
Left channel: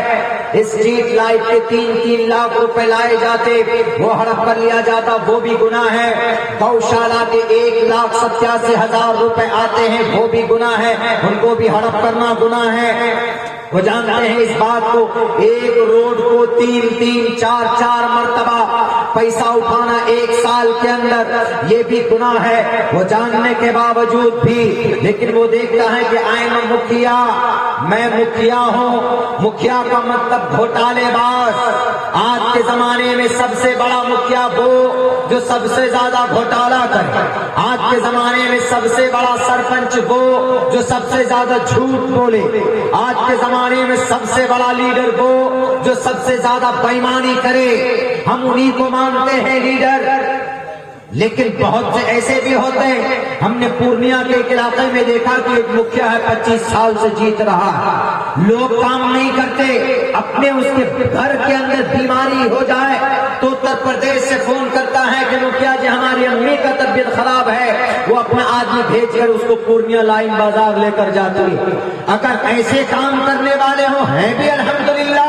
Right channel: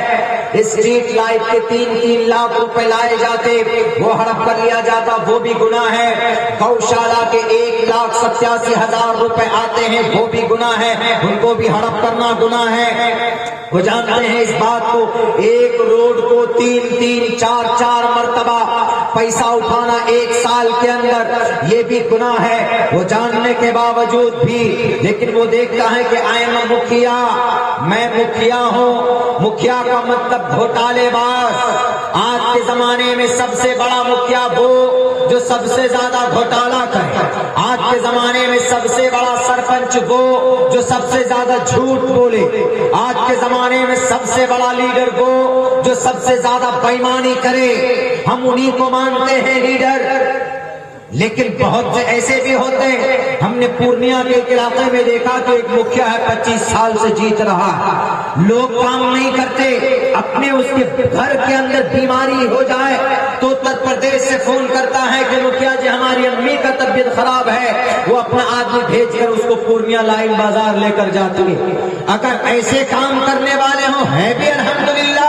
اسٹریٹ لائٹ کے 3 لاکھ روپے لائے جاتے، وہ ہڑپ کر لیا جاتا، وہ بھی گناہ ہے، گوشالہ کے 1,87,000 روپے آتے ہیں، وہ بھی گناہ ہے، ان کو بھی ہڑپ کرنا گناہ ہے۔ وہ جانتے ہیں اس بات کو، ایک روڈ کو 3-4 مرتبہ پیسہ اٹھانا 1 سال کے اندر، یہ بھی گناہ ہے۔ وہ جاننے کے باوجود بھی، لیکن وہ دیکھتا ہے کہ آئی ایم مکھیا، میں مکھیا ہوں۔ مکھیا کا مطلب گھوٹالے باز۔ آج کے زمانے میں سب سے بڑا مکھیا وہ جو سب سے زیادہ گھوٹالا کرے، آج کے زمانے میں سب سے بڑا سرپنچ وہ جو سب سے زیادہ جھوٹ بولے، آج کے زمانے میں سب سے بڑا لیڈر وہ جو سب سے زیادہ بےایمانی کرے۔ ہم انہی کو مانتے ہیں لیڈر، لیکن بہت سے ایسے بھی ہوتے ہیں۔ ہم نے پورنیہ کے ایک علاقے میں دیکھا کہ ایک مکھیا ہے، 25 سال سے جیت رہا ہے، لوگ کام نہیں کرتے، اپنے اس کے گھر کے اندر بیماری ہو جائے تو اتر پردیش سے فون کرتا ہے کہ مکھیا جی ہماری امی کا طبیعت خراب ہے، وہ اپنا آدمی بھیج کر اس کو پورنیہ لائن بازار لے کر جاتی ہے۔ اگر ایسے کام کرنے والے ہوں، ہیں بھی الحمدللہ،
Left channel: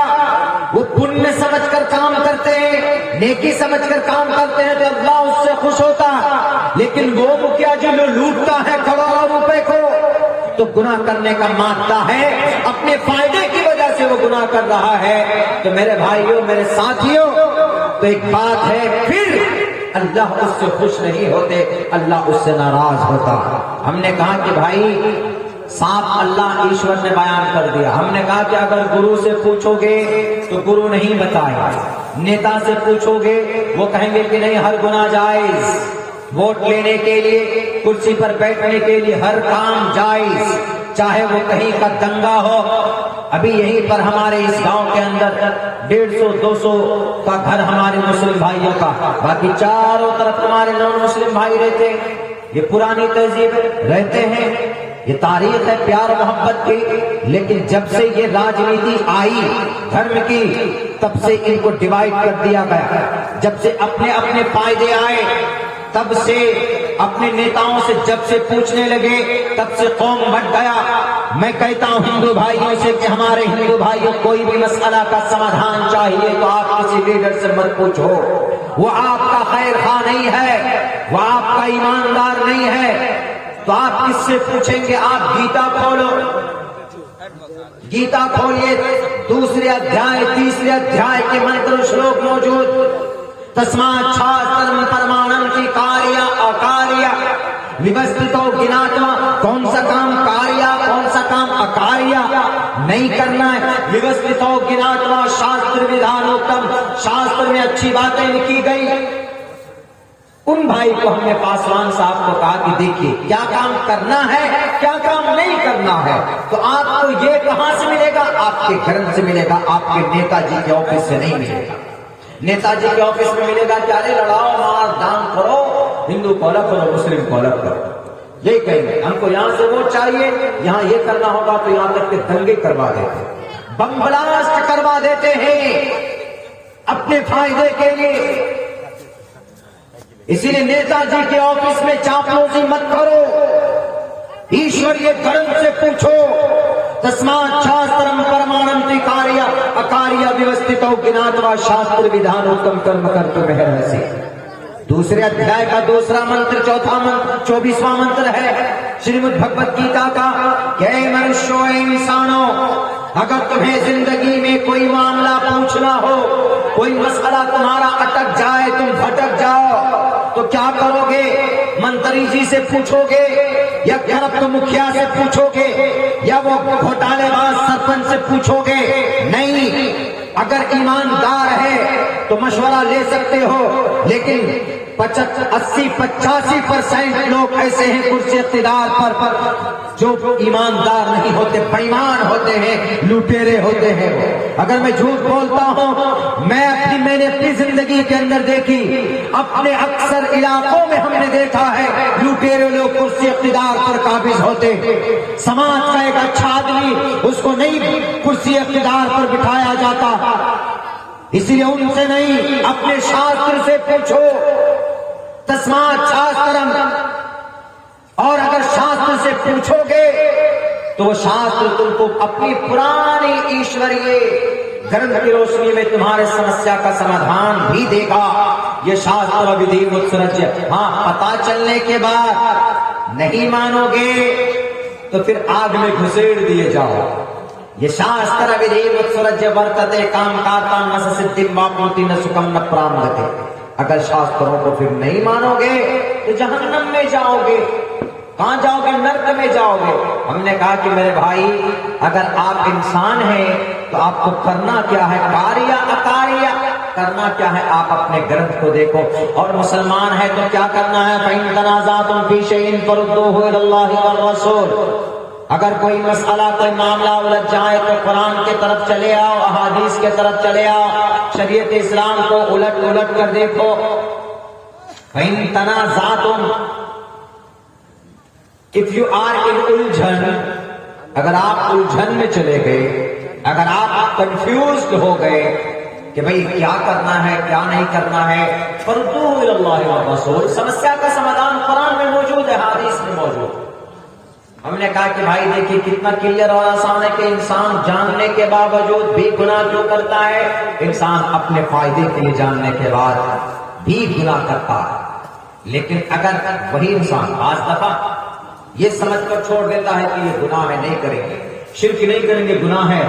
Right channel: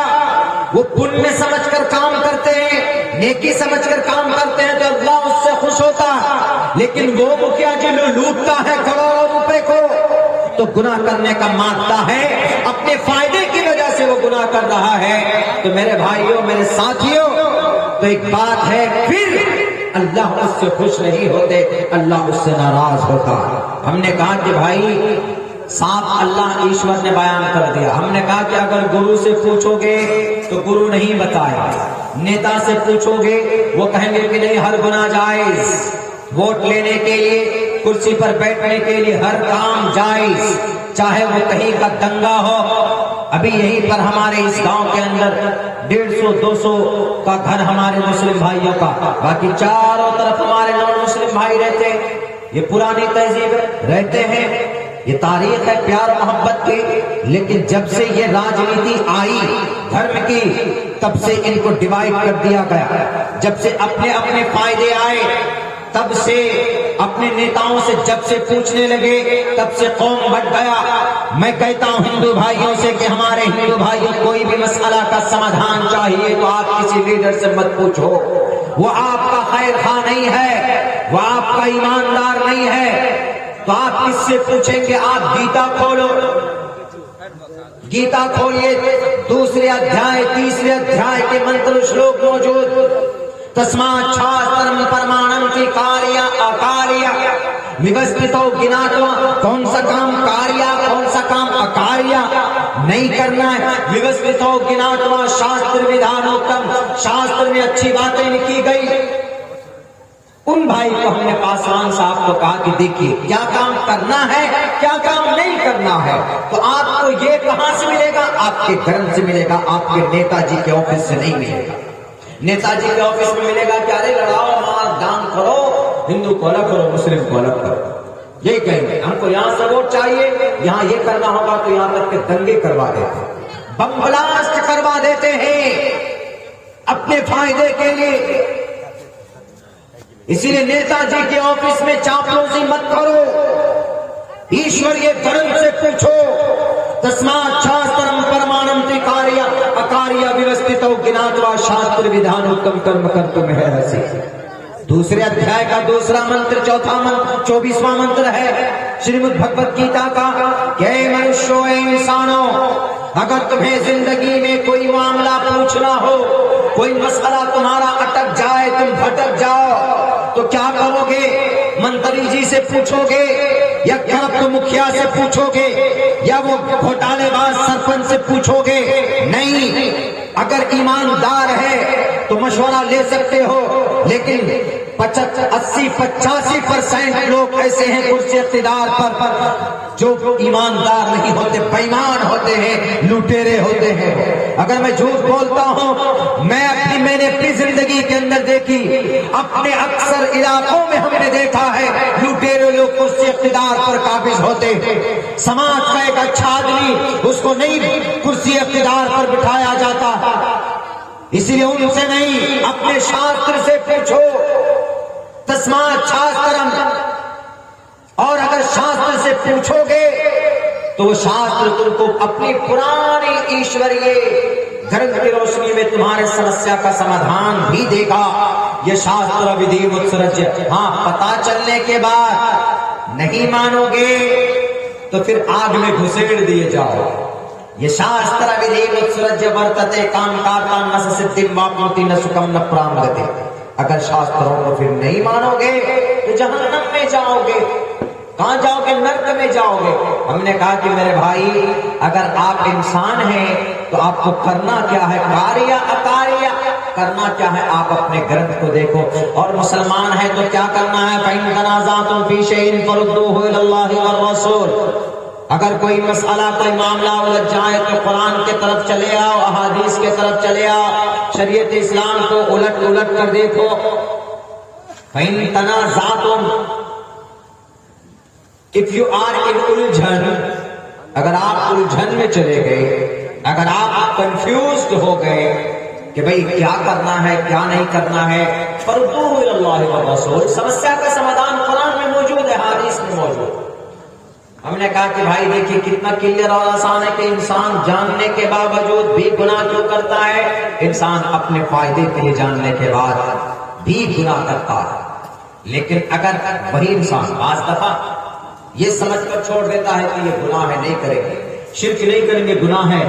وہ پنیہ سمجھ کر کام کرتے ہیں، نیکی سمجھ کر کام کرتے ہیں، تو اللہ اس سے خوش ہوتا ہے۔ لیکن وہ مکھیا جو لوٹتا ہے کروڑوں روپے کو، تو گناہ کرنے کا مادہ ہے، اپنے فائدے کی وجہ سے وہ گناہ کر رہا ہے۔ تو میرے بھائیوں، میرے ساتھیوں، تو ایک بات ہے، پھر اللہ اس سے خوش نہیں ہوتے، اللہ اس سے ناراض ہوتا۔ ہم نے کہا کہ بھائی صاحب اللہ ایشور نے بیان کر دیا۔ ہم نے کہا کہ اگر گرو سے پوچھو گے تو گرو نہیں بتائے گا، نیتا سے پوچھو گے وہ کہیں گے کہ نہیں ہر گناہ جائز، ووٹ لینے کے لیے، کرسی پر بیٹھنے کے لیے ہر کام جائز، چاہے وہ کہیں کا دنگا ہو۔ ابھی یہیں پر ہمارے اس گاؤں کے اندر 150-200 کا گھر ہمارے مسلم بھائیوں کا، باقی چاروں طرف ہمارے نان مسلم بھائی رہتے ہیں، یہ پرانی تہذیب رہتے ہیں، یہ تاریخ ہے پیار محبت کی، لیکن جب سے یہ راجنیتی آئی دھرم کی تب سے ان کو ڈیوائیڈ کر دیا گیا، جب سے اپنے اپنے فائدے آئے تب سے اپنے نیتاؤں سے جب سے پوچھنے لگے تب سے قوم بٹ گیا۔ میں کہتا ہوں ہندو بھائیوں سے کہ ہمارے ہندو بھائیوں کوئی بھی مسئلہ کا سمادھان چاہیے تو آپ کسی لیڈر سے مت پوچھو، وہ آپ کا خیر خواہ نہیں ہے، وہ آپ کا ایماندار نہیں ہے، تو آپ کس سے پوچھیں گے؟ آپ گیتا کھولو، گیتا کھولیے، دوسرے ادھیائے تیسرے ادھیائے کے منتر شلوک موجود، تسمات شاسترم پرمانم کی کاریہ اکاریہ ویوستھتو گناتو، کون سا کام کاریہ کون سا کام اکاریہ نہیں کرنا ہے، ویوستھتو گناتو شاستر ودھانوتم، شاستر میں اچھی باتیں لکھی گئی۔ ان بھائی کو ہم نے پاسوان صاحب کو کہا کہ دیکھیے کیا کام کرنا ہے کیا کام نہیں کرنا ہے، تو آپ کو یہ کہاں سے ملے گا؟ آپ کے گھر سے ملے گا، آپ کے نیتا جی کے آفس سے نہیں ملے گا۔ نیتا جی کے آفس میں ملے گا کہ ارے لڑاؤ مار دام کرو، ہندو کو الگ کرو مسلم کو الگ کرو، یہ کہیں گے ہم کو یہاں سے ووٹ چاہیے، یہاں یہ کرنا ہوگا تو یہاں تک کے دنگے کروا دیتے ہیں، بم بلاسٹ کروا دیتے ہیں اپنے فائدے کے لیے۔ اسی لیے نیتا جی کے آفس میں چاپلوسی مت کرو، ایشوریہ دھرم سے پوچھو، تسمات شاسترم پرمانم تی کاریہ اکاریہ ویوستھتو گناتوا شاستر ودھانوتم کرم کرتم ہرسی۔ دوسرے ادھیائے کا دوسرا منتر 24واں منتر ہے شریمد بھگوت گیتا کا کہ اے منشیو اے انسانوں، اگر تمہیں زندگی میں کوئی معاملہ پوچھنا ہو، کوئی مسئلہ تمہارا اٹک جائے، تم بھٹک جاؤ تو کیا کرو گے؟ منتری جی سے پوچھو گے یا کیا تو مکھیا سے پوچھو گے یا وہ گھوٹالے باز سرپنچ سے پوچھو گے؟ نہیں، اگر ایماندار ہے تو مشورہ لے سکتے ہو، لیکن 80-85% لوگ ایسے ہیں کرسی اقتدار پر جو ایماندار نہیں ہوتے، بےایمان ہوتے ہیں، لٹیرے ہوتے ہیں۔ اگر میں جھوٹ بولتا ہوں، میں نے اپنی زندگی کے اندر دیکھی، اپنے اکثر علاقوں میں ہم نے دیکھا ہے لٹیرے لوگ کرسی اقتدار پر قابض ہوتے ہیں، سماج کا ایک اچھا آدمی اس کو نہیں کرسی اقتدار پر بٹھایا جاتا، اسی لیے ان سے نہیں اپنے شاستر سے پوچھو، تسمات شاسترم، اور اگر شاستر سے پوچھو گے تو شاستر تم کو اپنی پرانی ایشوریہ دھرم کی روشنی میں تمہارے سمسیا کا سمادھان بھی دے گا۔ یہ شاستر ودھی متسرج، ہاں پتا چلنے کے بعد نہیں مانو گے تو پھر آگ میں گھسیڑ دیے جاؤ۔ یہ شاستر ودھی متسرج ورتتے کام کارکام نہ سدھم واپنوتی نہ سکھم نہ پرامگتے۔ اگر شاستروں کو پھر نہیں مانو گے تو جہنم میں جاؤ گے، کہاں جاؤ گے؟ نرک میں جاؤ گے۔ ہم نے کہا کہ میرے بھائی اگر آپ انسان ہیں تو آپ کو کرنا کیا ہے؟ کاریہ اکاریہ کرنا کیا ہے؟ آپ اپنے گرنتھ کو دیکھو، اور مسلمان ہے تو کیا کرنا ہے؟ فَإِن تَنَازَعْتُمْ فِي شَيْءٍ فَرُدُّوهُ إِلَى اللَّهِ وَالرَّسُولِ۔ اگر کوئی مسئلہ کوئی معاملہ الجھ جائے تو قرآن کی طرف چلے آؤ، احادیث کی طرف چلے آؤ، شریعت اسلام کو الٹ کر دیکھو۔ فَإِن تَنَازَعْتُمْ، if you are in الجھن، اگر آپ الجھن میں چلے گئے، اگر آپ کنفیوزڈ ہو گئے کہ بھئی کیا کرنا ہے کیا نہیں کرنا ہے، فَرُدُّوهُ إِلَى اللَّهِ وَالرَّسُولِ، سمسیا کا سمادھان قرآن میں موجود ہے، حدیث میں موجود۔ ہم نے کہا کہ بھائی دیکھیے کتنا کلیئر اور آسان ہے کہ انسان جاننے کے باوجود بھی گناہ کیوں کرتا ہے؟ انسان اپنے فائدے کے لیے جاننے کے بعد بھی گناہ کرتا ہے، لیکن اگر وہی انسان بعض دفعہ یہ سمجھ کر چھوڑ دیتا ہے کہ یہ گناہ ہے، نہیں کریں گے، شرک نہیں کریں گے، گناہ ہے،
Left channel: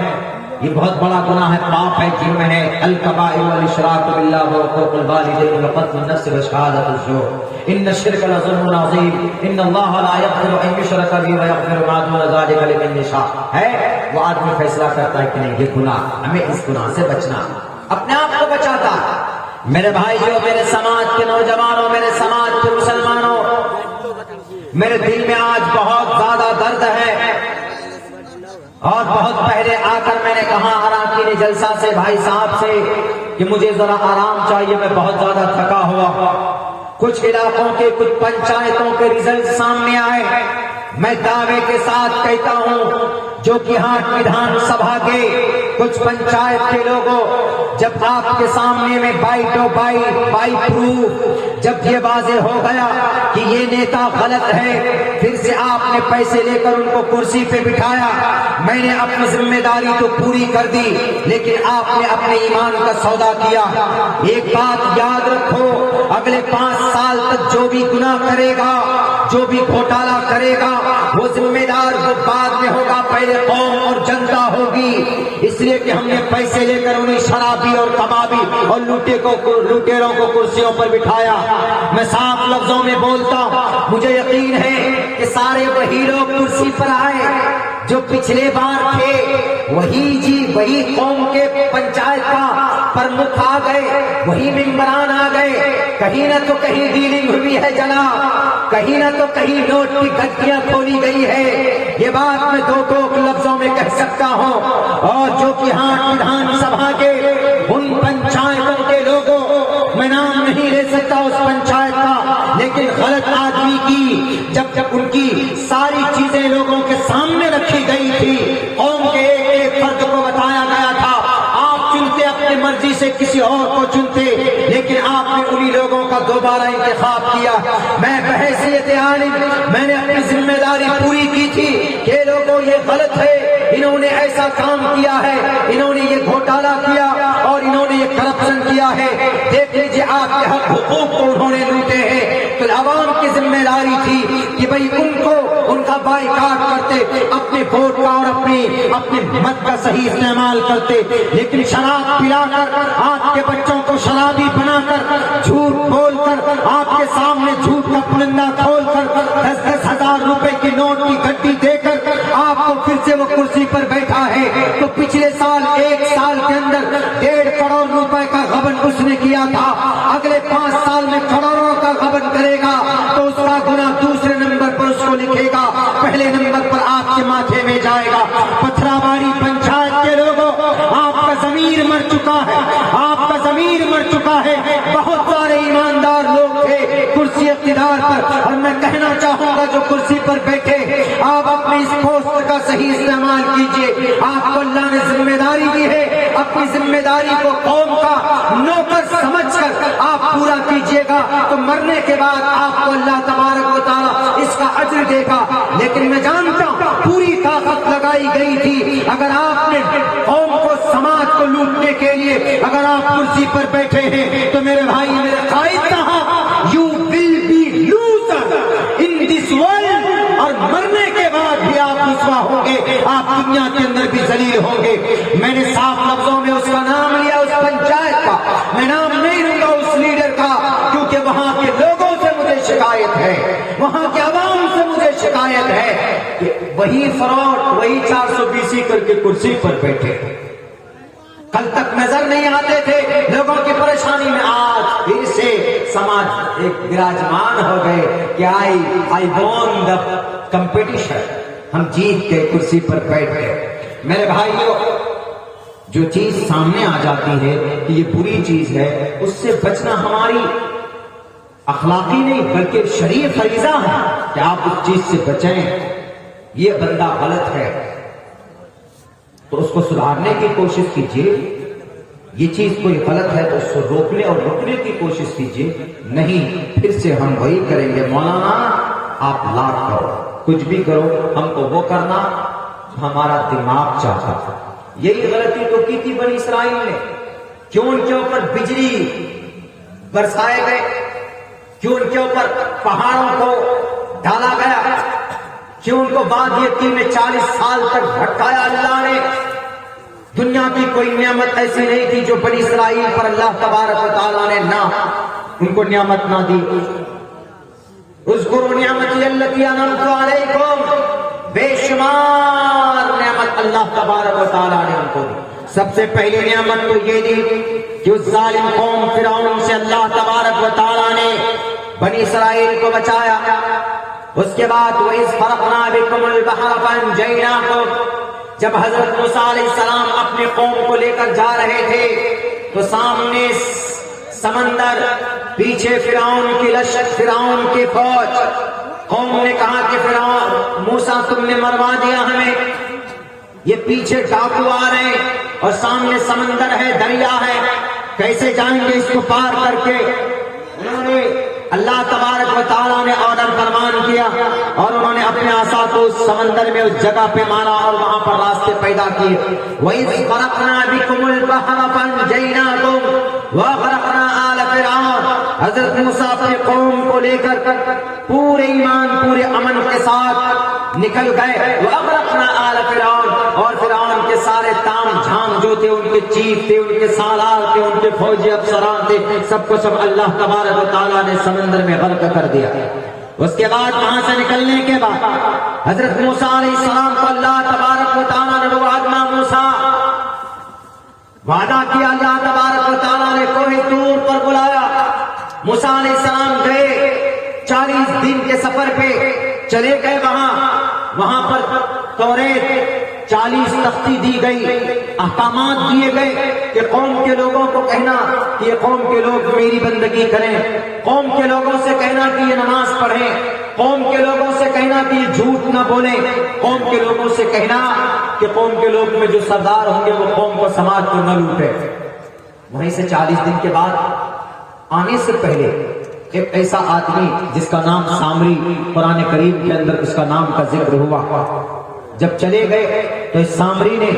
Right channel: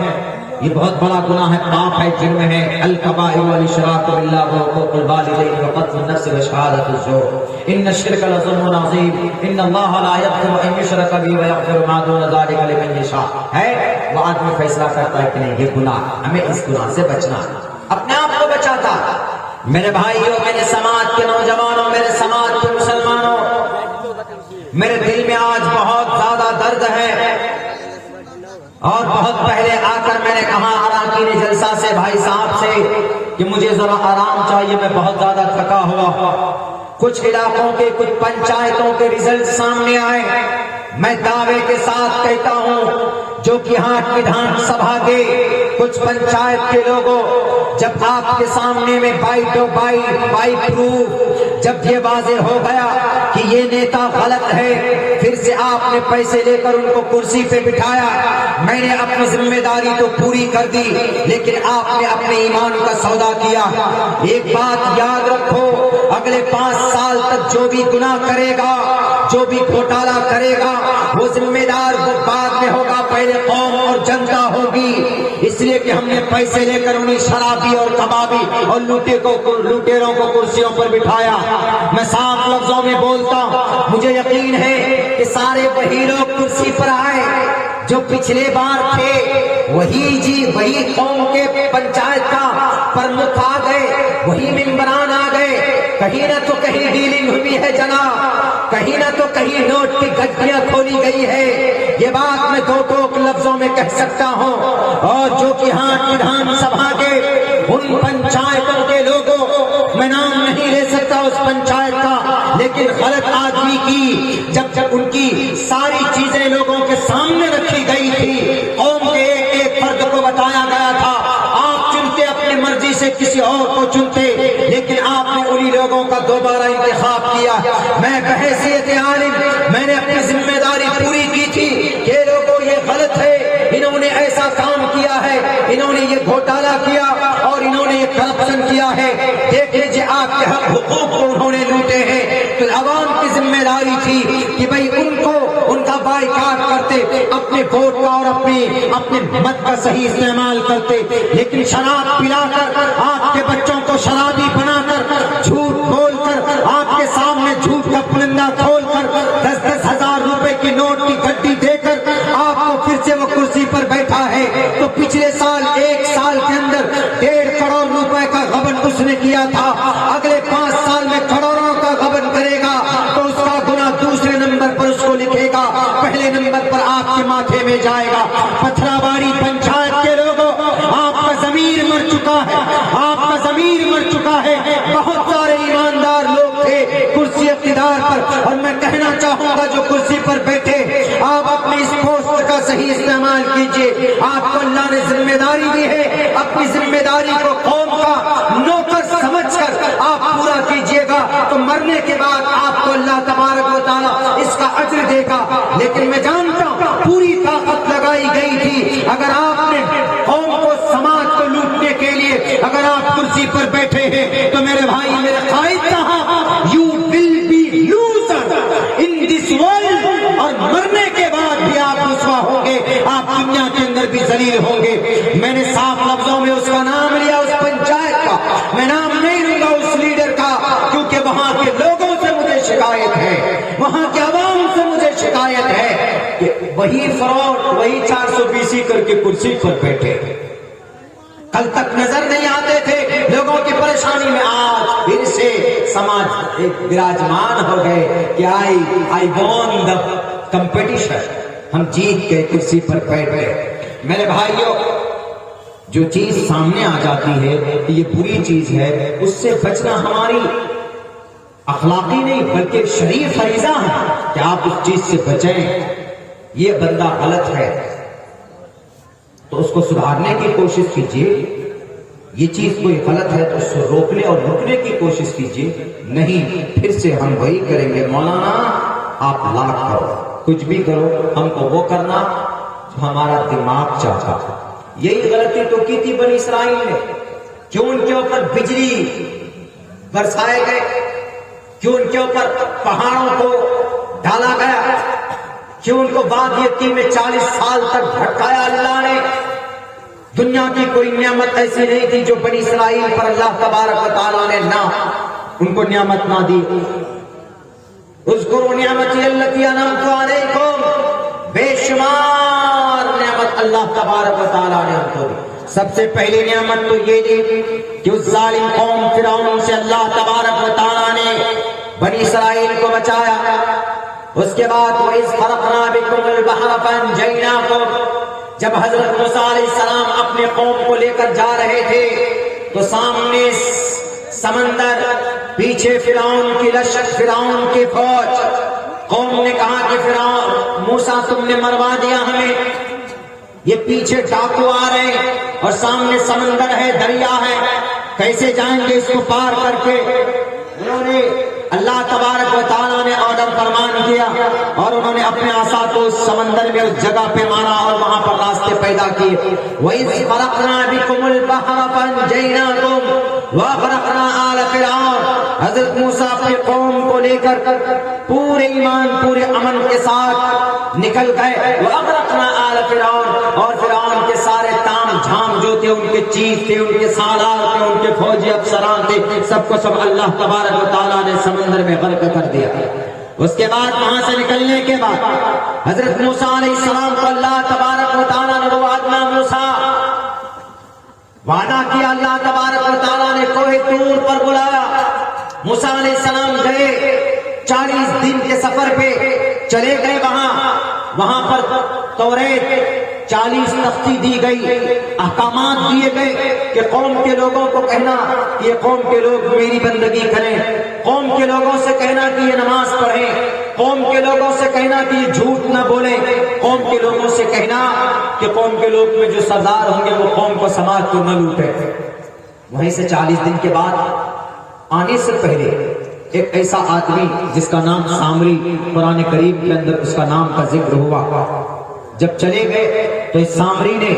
یہ بہت بڑا گناہ ہے، پاپ ہے، جرم ہے، الکبائر والاشراک باللہ وعقوق الوالدین وقتل النفس وشہادۃ الزور ان الشرک لظلم عظیم ان اللہ لا یغفر ان یشرک بہ ویغفر ما دون ذلک لمن یشاء۔ ہے وہ آدمی فیصلہ کرتا ہے کہ نہیں یہ گناہ، ہمیں اس گناہ سے بچنا، اپنے آپ کو بچاتا۔ میرے بھائیوں، میرے سماج کے نوجوانوں، میرے سماج کے مسلمانوں، میرے دل میں آج بہت زیادہ درد ہے، اور بہت پہلے آ کر میں نے کہا اراکین جلسہ سے بھائی صاحب سے کہ مجھے ذرا آرام چاہیے، میں بہت زیادہ تھکا ہوا۔ کچھ علاقوں کے کچھ پنچایتوں کے ریزلٹ سامنے آئے، میں دعوے کے ساتھ کہتا ہوں جو کہ ہاتھ ودھان سبھا کے کچھ پنچایت کے لوگوں، جب آپ کے سامنے میں بائی پروف جب یہ واضح ہو گیا کہ یہ نیتا غلط ہے، پھر سے آپ نے پیسے لے کر ان کو کرسی پہ بٹھایا۔ میں نے اپنی ذمہ داری تو پوری کر دی، لیکن آپ نے اپنے ایمان کا سودا کیا۔ ایک بات یاد رکھو، اگلے 5 سال تک جو بھی گناہ کرے گا، جو بھی گھوٹالا کرے گا، وہ ذمہ دار بعد میں ہوگا، پہلے قوم اور جنتا ہوگی۔ اس لیے کہ ہم نے پیسے لے کر انہیں شرابی اور کبابی اور لوٹیروں کو کرسیوں پر بٹھایا۔ میں صاف لفظوں میں بولتا ہوں، مجھے یقین ہے کہ سارے وہی لوگ کرسی پر آئے جو پچھلے بار تھے، وہی قوم کے پنچایت کا پرمکھ آ گئے، وہی ممبران آ گئے۔ کہیں نہ تو کہیں ڈیلنگ ہوئی ہے جناب، کہیں نہ تو کہیں نوٹ کی گھٹیاں کھولی گئی ہے۔ یہ بات میں دو لفظوں میں کہہ سکتا ہوں۔ اور جو کہ ہاتھ ودھان سبھا کے ان پنچایتوں کے لوگوں، میں نام نہیں لے سکتا اس پنچایت کا، لیکن غلط آدمی کی جب ان کی ساری چیزیں لوگوں کے سامنے رکھی گئی تھی، قوم کے ایک فرد کو بتایا گیا تھا آپ چنتے اپنی مرضی سے کسی اور کو چنتے، لیکن آپ نے انہی لوگوں کا دوبارہ انتخاب کیا۔ میں بحیثیت عالم میں نے اپنی ذمہ داری پوری کی تھی کہ لوگوں یہ غلط ہے، انہوں نے ایسا کام کیا ہے، انہوں نے یہ گھوٹالا کیا اور انہوں نے یہ کرپشن کیا ہے، دیکھ لیجیے آپ کے حق حقوق کو انہوں نے لوٹے ہیں۔ تو عوام کی ذمہ داری تھی کہ بھئی ان کا بائیکاٹ کرتے، اپنے ووٹ کا اور اپنے مت کا صحیح استعمال کرتے، لیکن شراب پلا کر آپ کے بچوں کو شرابی بنا کر، جھوٹ بول کر آپ کے سامنے جھوٹ کا پلندہ کھول کر 10-10 ہزار روپے کی نوٹ کی گڈی دے کر آپ کو پھر سے وہ کرسی پر بیٹھا ہے۔ تو پچھلے سال 1 سال کے اندر 1.5 کروڑ روپے کا غبن اس نے کیا تھا، اگلے 5 سال میں کروڑوں کا غبن کرے گا تو اس کا گناہ دوسرے نمبر پر اس کو لکھے گا، پہلے نمبر پر آپ کے ماتھے میں جائے گا۔ پتھراباری پنچایت کے لوگوں، آپ کا ضمیر مر چکا ہے، آپ کا ضمیر مر چکا ہے۔ بہت سارے ایماندار لوگ تھے کرسی اقتدار پر، اور میں کہنا چاہوں گا جو کرسی پر بیٹھے، آپ اپنی اس پوسٹ کا صحیح استعمال کیجیے۔ آپ کو اللہ نے ذمہ داری دی ہے، اپنی ذمہ داری کو قوم کا نوکر سمجھ کر آپ پورا کیجیے گا، تو مرنے کے بعد آپ کو اللہ تبارک و تعالیٰ اس کا اجر دے گا۔ لیکن میں جانتا ہوں پوری طاقت لگائی گئی تھی، اگر آپ نے قوم کو سماج کو لوٹنے کے لیے اگر آپ کرسی پر بیٹھے ہیں تو میرے بھائی میرے قائد کہاں، you will be loser in this world, اور مرنے کے بعد بھی آپ رسوا ہوں گے، آپ دنیا کے اندر بھی ذلیل ہوں گے۔ میں نے صاف لفظوں میں اس کا نام لیا، اس پنچایت کا، میں نام نہیں لوں گا اس لیڈر کا، کیونکہ وہاں کے لوگوں سے مجھے شکایت ہے، وہاں کے عوام سے مجھے شکایت ہے کہ وہی فراڈ، وہی 420 کر کے کرسی پر بیٹھے، کل تک نظر نہیں آتے تھے لوگوں کی پریشانی میں، آج پھر سے سماج ایک براجمان ہو گئے کہ آئی وون دا کمپٹیشن، ہم جیت کے کرسی پر بیٹھ گئے۔ میرے بھائیوں، جو چیز سامنے آ جاتی ہے کہ یہ بری چیز ہے، اس سے بچنا ہماری اخلاقی نہیں بلکہ شرعی فریضہ ہے کہ آپ اس چیز سے بچیں۔ یہ بندہ غلط ہے تو اس کو سدھارنے کی کوشش کیجیے، یہ چیز کوئی غلط ہے تو اس کو روکنے اور رکنے کی کوشش کیجیے، نہیں پھر سے ہم وہی کریں گے، مولانا آپ لاکھ کرو، کچھ بھی کرو، ہم کو وہ کرنا جو ہمارا دماغ چاہتا تھا۔ یہی غلطی تو کی تھی بنی اسرائیل نے، کیوں ان کے اوپر بجلی برسائے گئے، کیوں ان کے اوپر پہاڑوں کو ڈالا گیا، کیوں ان کو وادی میں 40 سال تک بھٹکایا اللہ نے۔ دنیا کی کوئی نعمت ایسی نہیں تھی جو بنی اسرائیل پر اللہ تبارک و تعالیٰ نے نہ ان کو نعمت نہ دی۔ اذکروا نعمتی التی انعمت علیکم، بے شمار نعمت اللہ تبارک و تعالیٰ نے ان کو دی۔ سب سے پہلی نعمت تو یہ دی کہ اس ظالم قوم فرعون سے اللہ تبارک و تعالیٰ نے بنی اسرائیل کو بچایا۔ اس کے بعد وَإِذْ فَرَقْنَا بِكُمُ الْبَحْرَ فَأَنْجَيْنَاكُمْ، جب حضرت موسیٰ علیہ السلام اپنے قوم کو لے کر جا رہے تھے تو سامنے سمندر، پیچھے فرعون کی لشکر، فرعون کی فوج. قوم نے کہا کہ فرعون، موسیٰ تم نے مروا دیا ہمیں، یہ پیچھے ڈاکو آ رہے اور سامنے سمندر ہے، دریا ہے، کیسے جائیں گے اس کو پار کر کے. انہوں نے اللہ تبارک و تعالیٰ نے آرڈر فرمان کیا اور انہوں نے اپنے عصا کو اس سمندر میں اس جگہ پہ مارا اور وہاں پر راستے پیدا کیے. وَإِذْ فَرَقْنَا بِكُمُ الْبَحْرَ فَانْجَيْنَاكُمْ وَأَغْرَقْنَا آلَ فِرْعَوْنَ. حضرت موسیٰ اپنے قوم کو لے کر پورے ایمان پورے امن کے ساتھ نکل گئے. وَأَغْرَقْنَا آلَ فِرْعَوْنَ، اور فرعون کے سارے تام جھام جو تھے، ان کے چیف تھے، ان کے سالار تھے، ان کے فوجی افسران تھے، سب کو سب اللہ تبارک و تعالیٰ نے سمندر میں غرق کر دیا. اس کے بعد وہاں سے نکلنے کے بعد حضرت موسیٰ علیہ السلام کو اللہ تبارک و تعالیٰ نے وعدنا موسیٰ، وعدہ کیا اللہ تبارک و تعالیٰ نے کوہ طور پر بلایا. موسیٰ علیہ السلام گئے 40 دن کے سفر پہ چلے گئے. وہاں پر توریت 40 تختی دی گئی، احکامات دیے گئے کہ قوم کے لوگوں کو کہنا کہ یہ قوم کے لوگ میری بندگی کریں، قوم کے لوگوں سے کہنا کہ یہ نماز پڑھیں، قوم کے لوگوں سے کہنا کہ یہ جھوٹ نہ بولیں، قوم کے لوگوں سے کہنا کہ قوم کے لوگ میں جو سردار ہوں گے وہ قوم کو سماج کو نہ لوٹے. وہیں سے 40 دن کے بعد آنے سے پہلے ایک ایسا آدمی جس کا نام سامری، قرآن کریم کے اندر اس کا نام کا ذکر ہوا. جب چلے گئے تو اس سامری نے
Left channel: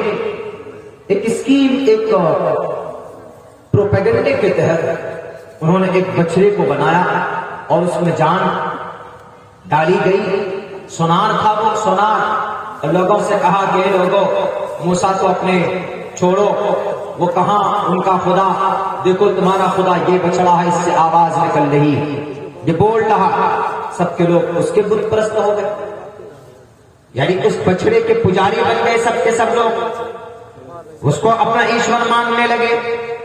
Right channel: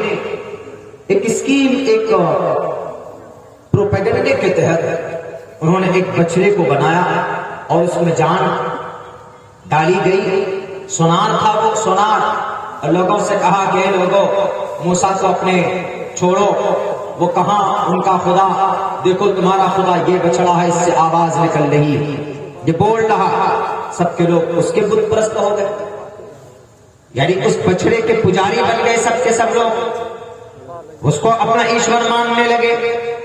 ایک اسکیم، ایک پروپیگنڈے کے تحت انہوں نے ایک بچڑے کو بنایا اور اس میں جان ڈالی گئی. سونار تھا وہ سونار، اور لوگوں سے کہا کہ لوگوں موسیٰ کو اپنے چھوڑو. وہ کہاں ان کا خدا، دیکھو تمہارا خدا یہ بچڑا ہے، اس سے آواز نکل رہی ہے، یہ بول رہا. سب کے لوگ اس کے بت پرست ہو گئے، یعنی اس بچڑے کے پجاری بن گئے سب کے سب لوگ، اس کو اپنا ایشور ماننے لگے.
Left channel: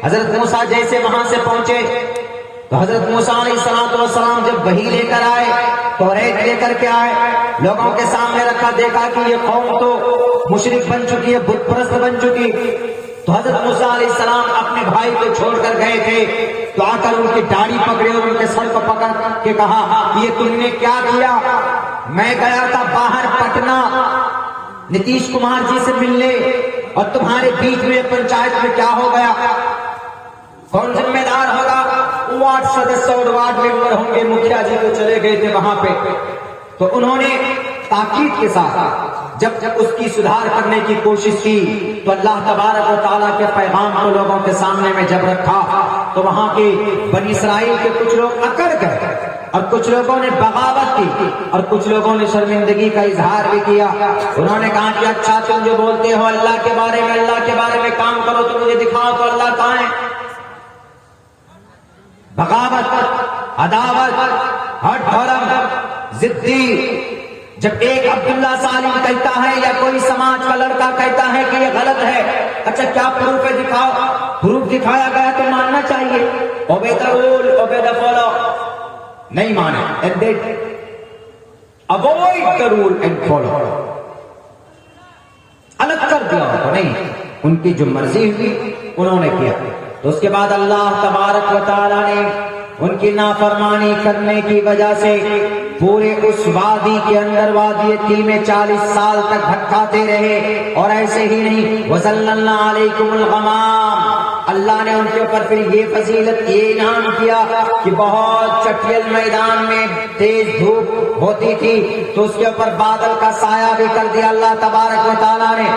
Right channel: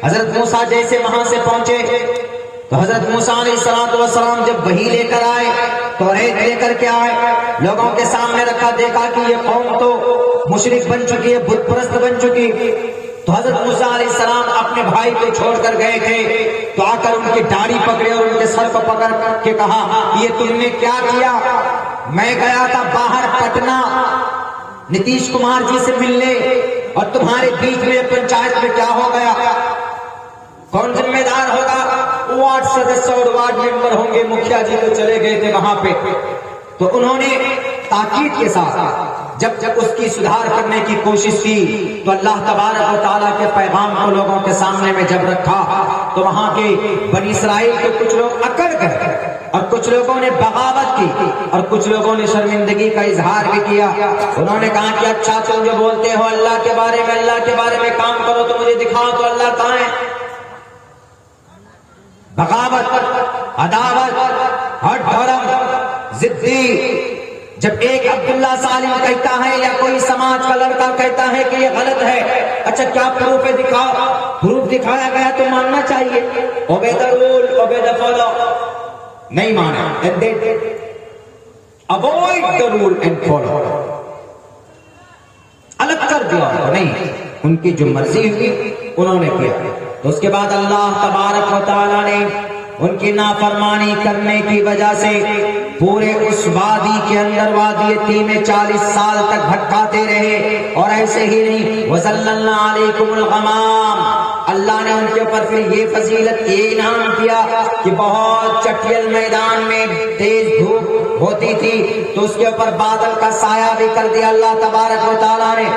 حضرت موسیٰ جیسے وہاں سے پہنچے تو حضرت موسیٰ علیہ السلام جب وحی لے کر آئے، توریت لے کر کے آئے، لوگوں کے سامنے رکھا، دیکھا کہ یہ قوم تو مشرک بن چکی ہے، بت پرست بن چکی. تو حضرت موسیٰ علیہ السلام اپنے بھائی کو چھوڑ کر گئے تھے تو آ کر ان کی داڑھی پکڑے اور ان کے سر کو پکڑ کے کہا یہ تم نے کیا کیا؟ میں گیا تھا باہر پٹنہ نتیش کمار جی سے ملنے، اور تمہارے بیچ میں پنچایت میں کیا ہو گیا؟ کون ذمہ دار ہوگا؟ وارڈ سدسیہ اور وارڈ ممبر ہوں گے، مکھیا جی تو چلے گئے تھے وہاں پہ. تو انہوں نے تاکید کے ساتھ جب اس کی سدھار کرنے کی کوشش کی تو اللہ تبارک و تعالیٰ کے پیغام کو لوگوں کے سامنے میں جب رکھا تو وہاں کے بنی اسرائیل کے کچھ لوگ اکڑ گئے اور کچھ لوگوں نے بغاوت کی اور کچھ لوگوں نے شرمندگی کا اظہار بھی کیا. انہوں نے کہا کہ اچھا تم جو بولتے ہو اللہ کے بارے میں کام کرو تو مجھے دکھاؤ تو اللہ کہاں ہے. بغاوت، عداوت، ہٹ دھرم، ضدی. جب ایک عبداللہ سالم کہتا ہے یا کوئی سماج کا لڑکا کہتا ہے کہ یہ غلط ہے، اچھا کیا پروف ہے؟ دکھاؤ. پروف دکھایا گیا تو ماننا چاہیے. Obey the rule, obey the follow. نہیں مانے، avoid the rule and follow, الگ کر دیا. نہیں، ان کی جو مرضی ہوئی انہوں نے کیا. تو اس کے بعد اللہ تبارک و تعالیٰ نے ان کی نافرمانی کرنے کی وجہ سے پورے اس وادی کے اندر، وادی تھی میں 40 سال تک بھٹکاتے رہے. اور ایسے ہی نہیں، وَظَلَّلْنَا عَلَيْكُمُ الْغَمَامَ، اللہ نے ان کے اوپر پھر یہ فضیلت، یہ انعام کیا کہ بہت چٹیل میدان میں تیز دھوپ ہوتی تھی تو اس کے اوپر بادل کا سایہ بھی کر دیا اللہ تبارک و تعالیٰ نے.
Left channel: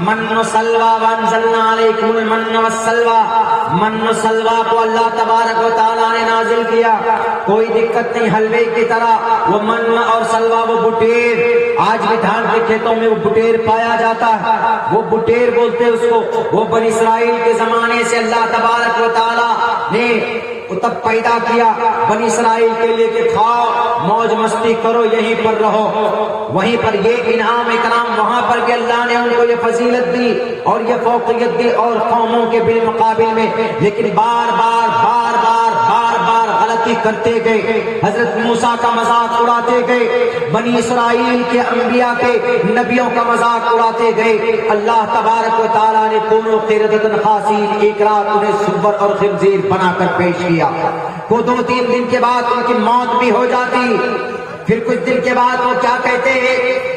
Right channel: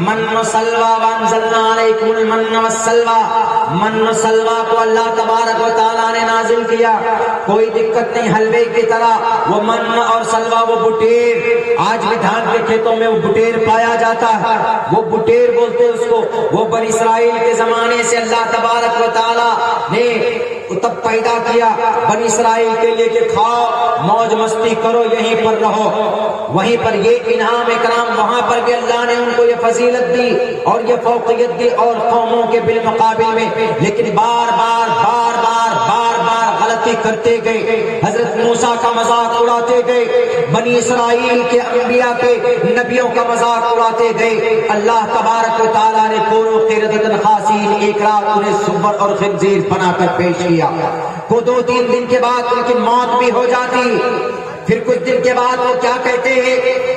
من و سلوى وانزلنا علیکم المن والسلوى، من و سلوى کو اللہ تبارک و تعالیٰ نے نازل کیا. کوئی دقت نہیں، حلوے کی طرح. وہ من اور سلوى، وہ بٹیر، آج بھی دھان کے کھیتوں میں وہ بٹیر پایا جاتا ہے، وہ بٹیر بولتے اس کو. وہ بنی اسرائیل کے زمانے سے اللہ تبارک و تعالیٰ نے تب پیدا کیا بنی اسرائیل کے لیے کہ کھاؤ، موج مستی کرو، یہیں پر رہو. وہیں پر یہ انعام اکرام، وہاں پر بھی اللہ نے ان کو یہ فضیلت دی اور یہ فوقیت دی اور قوموں کے بالمقابل میں. لیکن بار بار غلطی کرتے گئے. حضرت موسیٰ کا مذاق اڑاتے اڑاتے گئے، بنی اسرائیل کے انبیاء کے نبیوں کا مذاق اڑاتے گئے، اللہ تبارک و تعالیٰ نے دونوں قردۃ خاسین ایک رات انہیں سور اور خنزیر بنا کر پیش کیا۔ وہ 2-3 دن کے بعد ان کی موت بھی ہو جاتی، پھر کچھ دن کے بعد وہ کیا کہتے ہیں،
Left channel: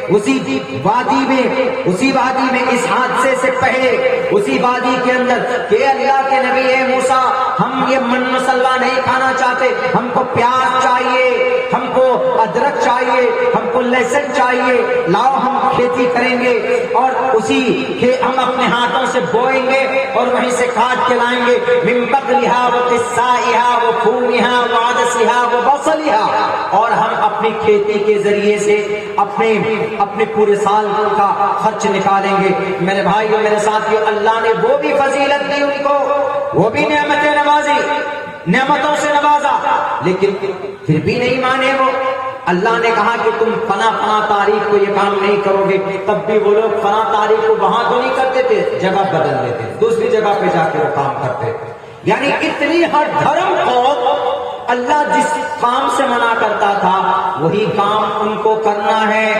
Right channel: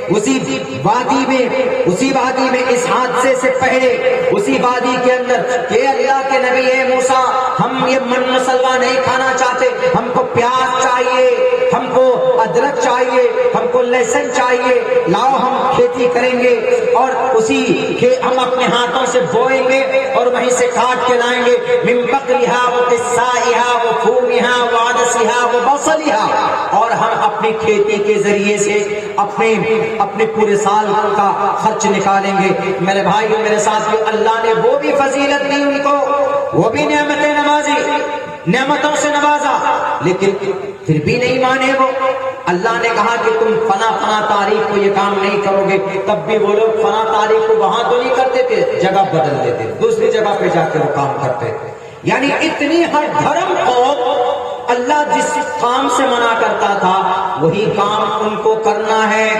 اسی وادی میں اس حادثے سے پہلے اسی وادی کے اندر کہ اللہ کے نبی اے موسیٰ ہم یہ من مسلہ نہیں کھانا چاہتے، ہم کو پیاز چاہیے، ہم کو ادرک چاہیے، ہم کو لہسن چاہیے، لاؤ ہم کھیتی کریں گے اور اسی کے ہم اپنے ہاتھوں سے بوئیں گے اور وہیں سے کاٹ کے لائیں گے، من بقلھا و قثائھا و فومھا و عدسھا و بصلھا، اور ہم اپنی کھیتی کے ذریعے سے اپنے پورے سال کا خرچ نکالیں گے۔ میرے بھائیو میرے ساتھیو، اللہ نے وہ بھی فضیلت دی ان کو، وہ بھی نعمتیں نوازی، نعمتوں سے نوازا، لیکن پھر بھی نہیں مانے وہ۔ اللہ نے کہا کہ تم فلاں تاریخ کو یہ کام نہیں کرو گے، تب بھی وہ لوگ فلاں تاریخ کو وہاں تو نہیں کرتے تھے، جگہ بدل دیتے، دوسری جگہ پہ جا کے وہ کام کرتے۔ یعنی اتنی ہر دھرم کو اللہ جس کام سے منع کرتا تھا وہی کام ان کو کرنا ہے۔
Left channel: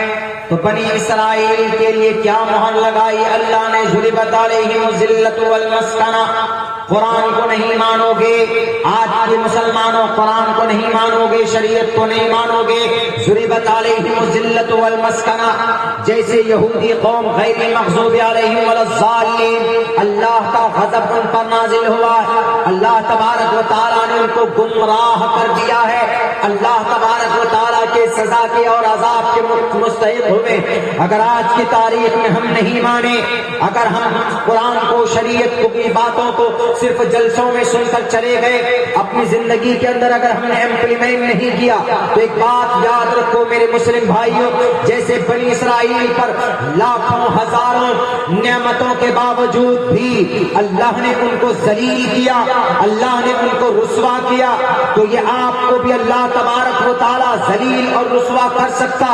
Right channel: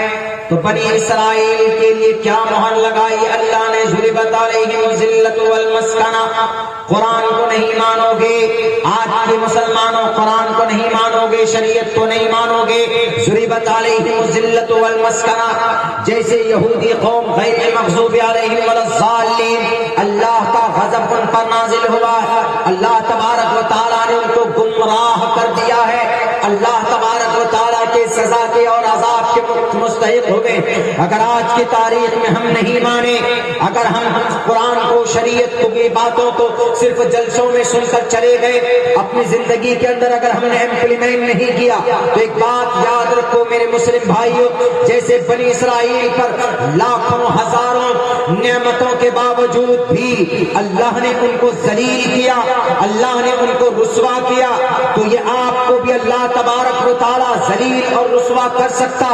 تو بنی اسرائیل کے لیے کیا مہر لگائی اللہ نے، ضربت علیہم ذلۃ والمسکنہ، قرآن کو نہیں مانو گے، آج کے مسلمانوں قرآن کو نہیں مانو گے، شریعت کو نہیں مانو گے، ضربت علیہم ذلۃ والمسکنہ، جیسے یہودی قوم غیر مغضوب علیہم ولا الضالین، اللہ کا غضب ان پر نازل ہوا ہے، اللہ تبارک و تعالیٰ نے ان کو گمراہ کر دیا ہے، اللہ تبارک و تعالیٰ کے سزا کے اور عذاب کے مستحق ہوئے۔ اگر آج کی تاریخ میں ہم نہیں مانے، اگر ہم قرآن کو، شریعت کی باتوں کو صرف جلسوں میں سن کر چلے گئے، اپنی زندگی کے اندر اگر ہم نے امپلیمنٹ نہیں کیا، تو ایک بات یاد رکھو میرے مسلم بھائیوں، جیسے بنی اسرائیل پر لاکھوں ہزاروں نعمتوں کے باوجود بھی اللہ نے ان کو ذلیل کیا، اللہ نے ان کو رسوا کیا، تو یہ آپ کو بھی اللہ تبارک و تعالیٰ ذلیل اور رسوا کر سکتا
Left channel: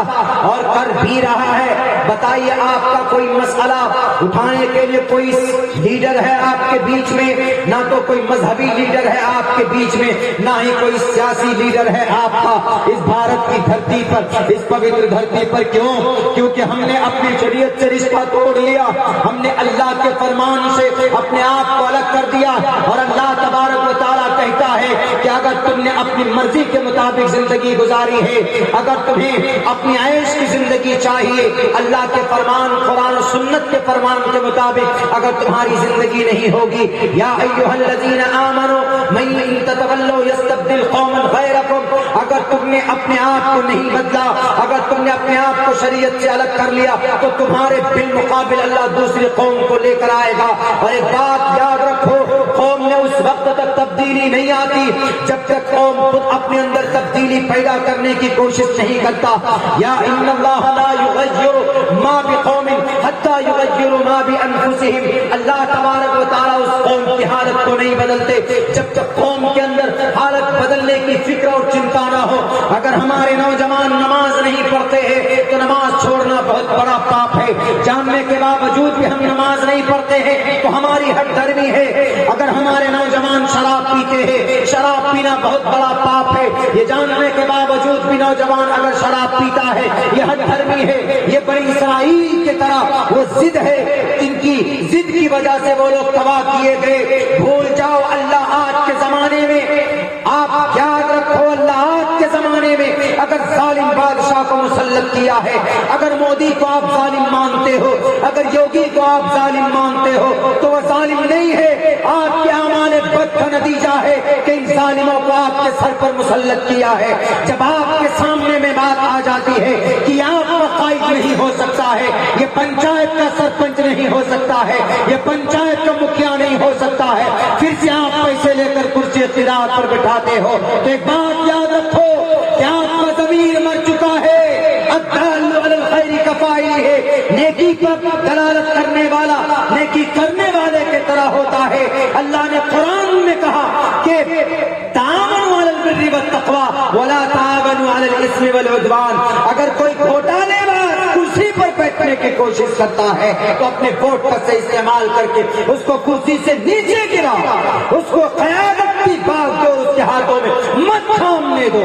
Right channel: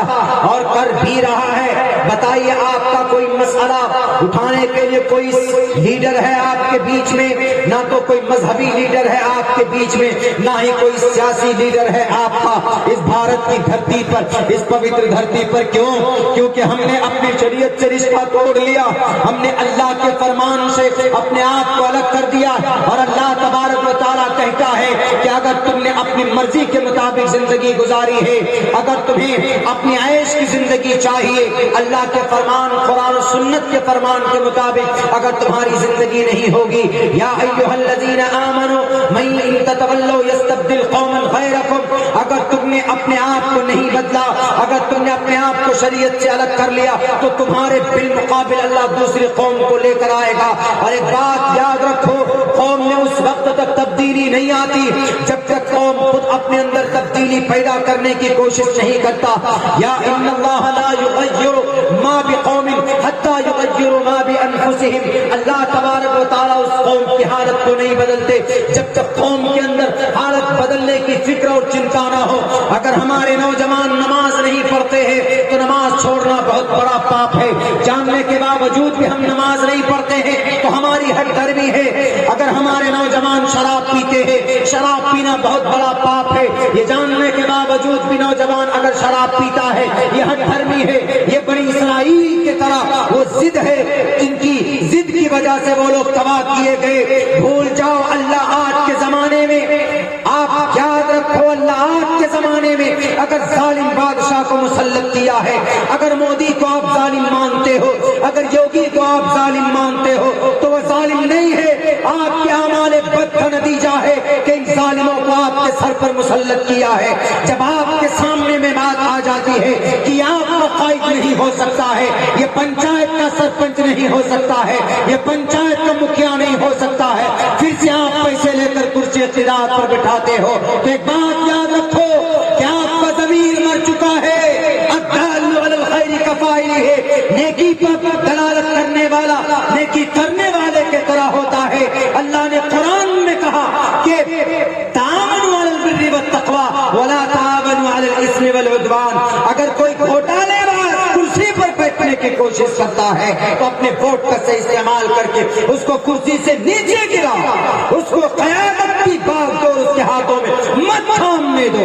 اور کر بھی رہا ہے۔ بتائیے آپ کا کوئی مسئلہ اٹھانے کے لیے کوئی لیڈر ہے آپ کے بیچ میں؟ نہ تو کوئی مذہبی لیڈر ہے آپ کے بیچ میں، نہ ہی کوئی سیاسی لیڈر ہے آپ کا اس بھارت کی دھرتی پر، اس پوتر دھرتی پر۔ کیوں؟ کیونکہ ہم نے اپنی شریعت سے رشتہ توڑ لیا، ہم نے اللہ کے فرمان سے اپنے آپ کو الگ کر دیا، اور اللہ تبارک و تعالیٰ کہتا ہے کہ اگر تم نے اپنی مرضی کے مطابق زندگی گزاری ہے، اگر تمہیں اپنی عیش کی زندگی چاہیے، اللہ کے فرمان، قرآن و سنت کے فرمان کے مطابق اگر تمہاری زندگی نہیں ہوگی، یا ایھا الذین آمنوا من تتولوا یستبدل قوما غیرکم، اگر تم نے اپنے آپ کو نہیں بدلا، اگر تم نے اپنے آپ کو شریعت سے الگ کر لیا، تو تمہارے بالمقابل اللہ دوسری قوم کو لے کر آئے گا۔ اور ایک بات یاد رکھو، قوم میں اس وقت تک تبدیلی نہیں آتی جب تک قوم خود اپنے اندر تبدیلی پیدا کرنے کی کوشش نہیں کرتا۔ یا ان اللہ لا یغیر ما بقوم حتی یغیروا ما بانفسہم، اللہ تبارک و تعالیٰ اس قوم کی حالت کو نہیں بدلتے جب تک قوم کے اندر حالت بدلنے کی فکر اور چنتا نہ ہو۔ اگر ہمارے نوجوان نماز نہیں پڑھتے ہیں تو نماز چھوڑنا بہت بڑا پاپ ہے، جاننے کے باوجود بھی ہم نماز نہیں پڑھتے ہیں تو ہماری ہٹ درمی ہے۔ اگر ہمارے نوجوان شراب پیتے ہیں، شراب پینا بہت بڑا پاپ ہے، یہ جاننے کے باوجود بھی نوجوان اگر شراب پیتا ہے یہ ہٹ دھرمی ہے۔ یہ بنی اسرائیل کی طرح وہ ضد ہے، جن کی ضد کی وجہ سے وہ لوگ تباہ کیے گئے۔ بھول جاؤ اللہ آج کے زمانے میں، آپ یاد رکھو اللہ آج کے زمانے میں اگر ظالم بادشاہ کو مسلط کیا ہے، اگر مودی کو آپ ظالم مانتے ہو، اگر یوگی کو آپ ظالم مانتے ہو، تو وہ ظالم نہیں ہے، آپ کے اعمال بد کا نتیجہ ہے کہ ان ظالموں کو آپ کے سر پر مسلط کیا ہے۔ جب آپ کے سامنے میں بات آ جاتی ہے کہ آپ کو قائد نہیں ہو سکتا ہے، یہ پنچایت کا سرپنچ نہیں ہو سکتا ہے، یہ پنچایت کا مکھیا نہیں ہو سکتا ہے، پھر سے آپ پیسے لے کر کرسی اقتدار پر بٹھاتے ہو، تو ایک بات یاد رکھو کہ آپ کا ضمیر مر چکا ہے۔ الدال علی الخیر کفاعلہ ہے، نیکی پر دلالت کرنے والا نیکی کرنے والے کی طرح ہوتا ہے۔ اللہ نے قرآن میں کہا کہ تعاونوا علی البر والتقوی ولا تعاونوا علی الاثم والعدوان، اگر کوئی گھوٹالے باز کرسی پر بیٹھنے کی کوشش کرتا ہے تو اپنے ووٹ کا سے استعمال کر کے اس کو کرسی سے نیچے گرا، اس کو قیادت کی بات دو، اس کے ہاتھوں میں مت تھامنے دو۔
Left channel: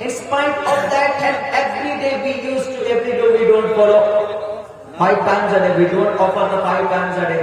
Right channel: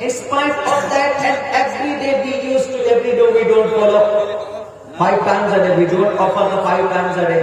In spite of that, and every day we used to, every day we don't follow 5 times a day, we don't offer the 5 times a day.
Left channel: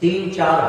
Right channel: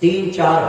3-4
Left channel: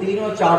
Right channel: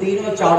3-4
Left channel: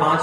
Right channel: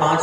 5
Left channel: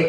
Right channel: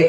1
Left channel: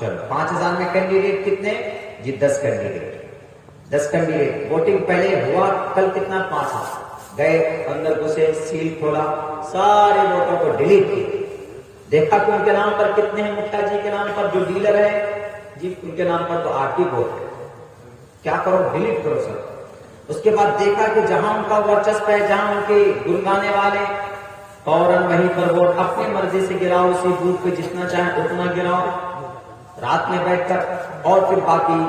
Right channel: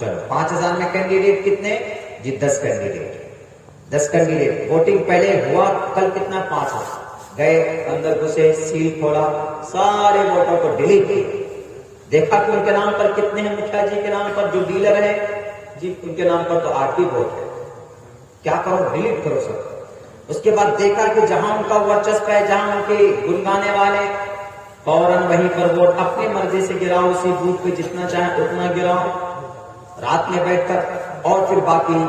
چلو 5000 میں کینڈیڈیٹ کتنے جی 10 کینڈیڈیٹ 10 کینڈیڈیٹ ووٹنگ پہلے ہوا کل کتنا 5000 گئے اندر گھسے سیل کھولا سارے ووٹوں کو ڈیلیٹ کیے دیکھا کہ ان کے نام پر کتنے ہیں مکھیا جی کے نام پر جو ڈیلر ہے جی ان کے نام پر تو 8 ہی ووٹ ہے کیا کرو ڈیلیٹ کرو سر اس کے بعد دیکھا کہ جہاں ان کا ورچسپ ہے جہاں ان کے گنگانے والے فوراً وہیں پر ووٹ اپنی مرضی سے گراؤ اسی بوتھ پہ جتنا چاہیں اتنا گراؤ رات میں بیٹھ کر اور پھر باقی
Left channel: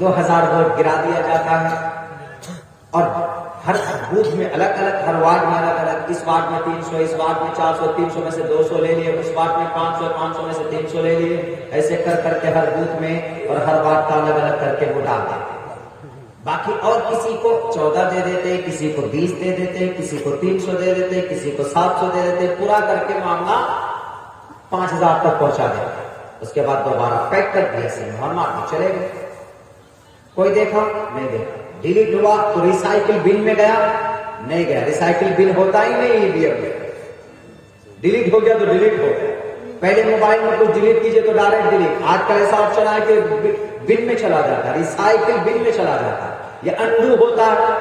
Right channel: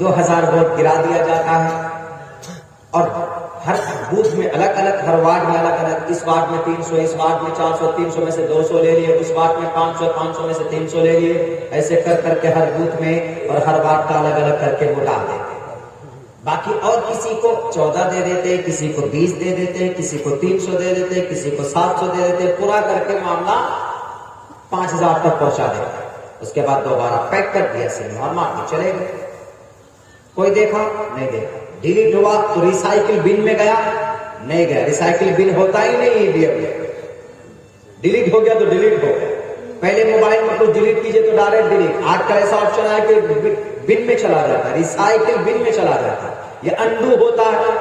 2000 ووٹ گرا دیا جاتا ہے اور ہر بوتھ میں الگ الگ ہر وارڈ میں الگ الگ اس وارڈ میں 300 اس وارڈ میں 400 300 میں سے 200 لے لیے اس وارڈ میں 500 500 میں سے 300 لے لیے ایسے کر کر کے ہر بوتھ میں اور ہر وارڈ کا الگ الگ کر کے ووٹا دیتے باقی اور کسی کو 14 دے دیتے کسی کو 20 دے دیتے کسی کو 300 دے دیتے کسی کو 700 دے دیتے پورا کر کے معاملہ 5000 تک پہنچا دیتے اس کے بعد دوبارہ پیک کر دیا ہم چلے گئے کوئی دیکھا نہیں دیکھا ڈیلیٹ ہوا تو ریسائکل بن میں گیا نہیں گیا ریسائکل بن ہوتا ہی نہیں ڈیلیٹ ہو گیا تو ڈیلیٹ ہو گیا پہلے موبائل میں کچھ ڈیلیٹ کیجئے تو ڈائریکٹ ڈیلیٹ آج کل ایسا آپشن ہے کہ بن میں چلا جاتا ہے ریسائکل بن میں چلا جاتا ہے یہ انڈو ہوتا ہے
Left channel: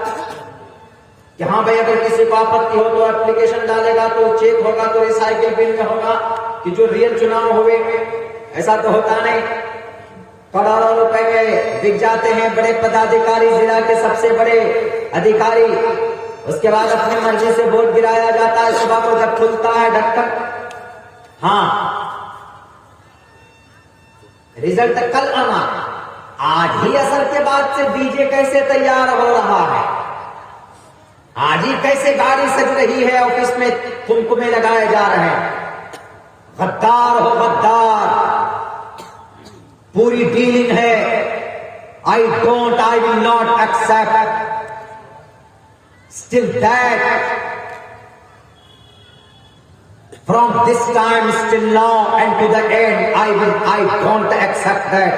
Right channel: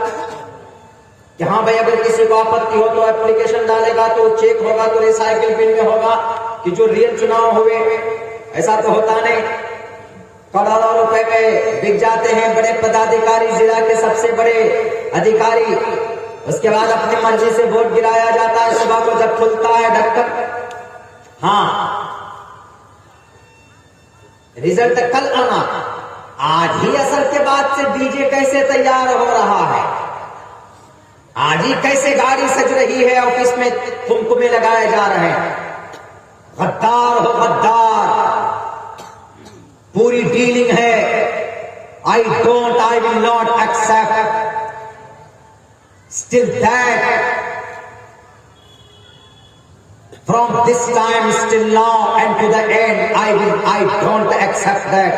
کہ ہاں بھائی اگر کسی کو آپتی ہو تو اپلیکیشن ڈالے گا تو چیک ہوگا تو ریسائکل بن میں ہوگا کہ جو ریئل چناؤ ہوئے ایسا تو ہوتا نہیں کروڑوں روپے کے بک جاتے ہیں بڑے پدادھیکاری ضلع کے سب سے بڑے ادھیکاری اس کے بعد اپنی مرضی سے ووٹ گرایا جاتا ہے صبح کو جب کھلتا ہے ڈھکن ہاں رزلٹ کل آنا آج ہی اثر کے بعد سے ڈی جے کیسے تیار ہو رہا ہے آج ہی کیسے گاڑی سج رہی ہے آفس میں کمکمے لگائے جا رہے ہیں غدار ہو غدار پوری ڈیلنگ ہے I will not accept still that from this time still now and to the end I don't accept that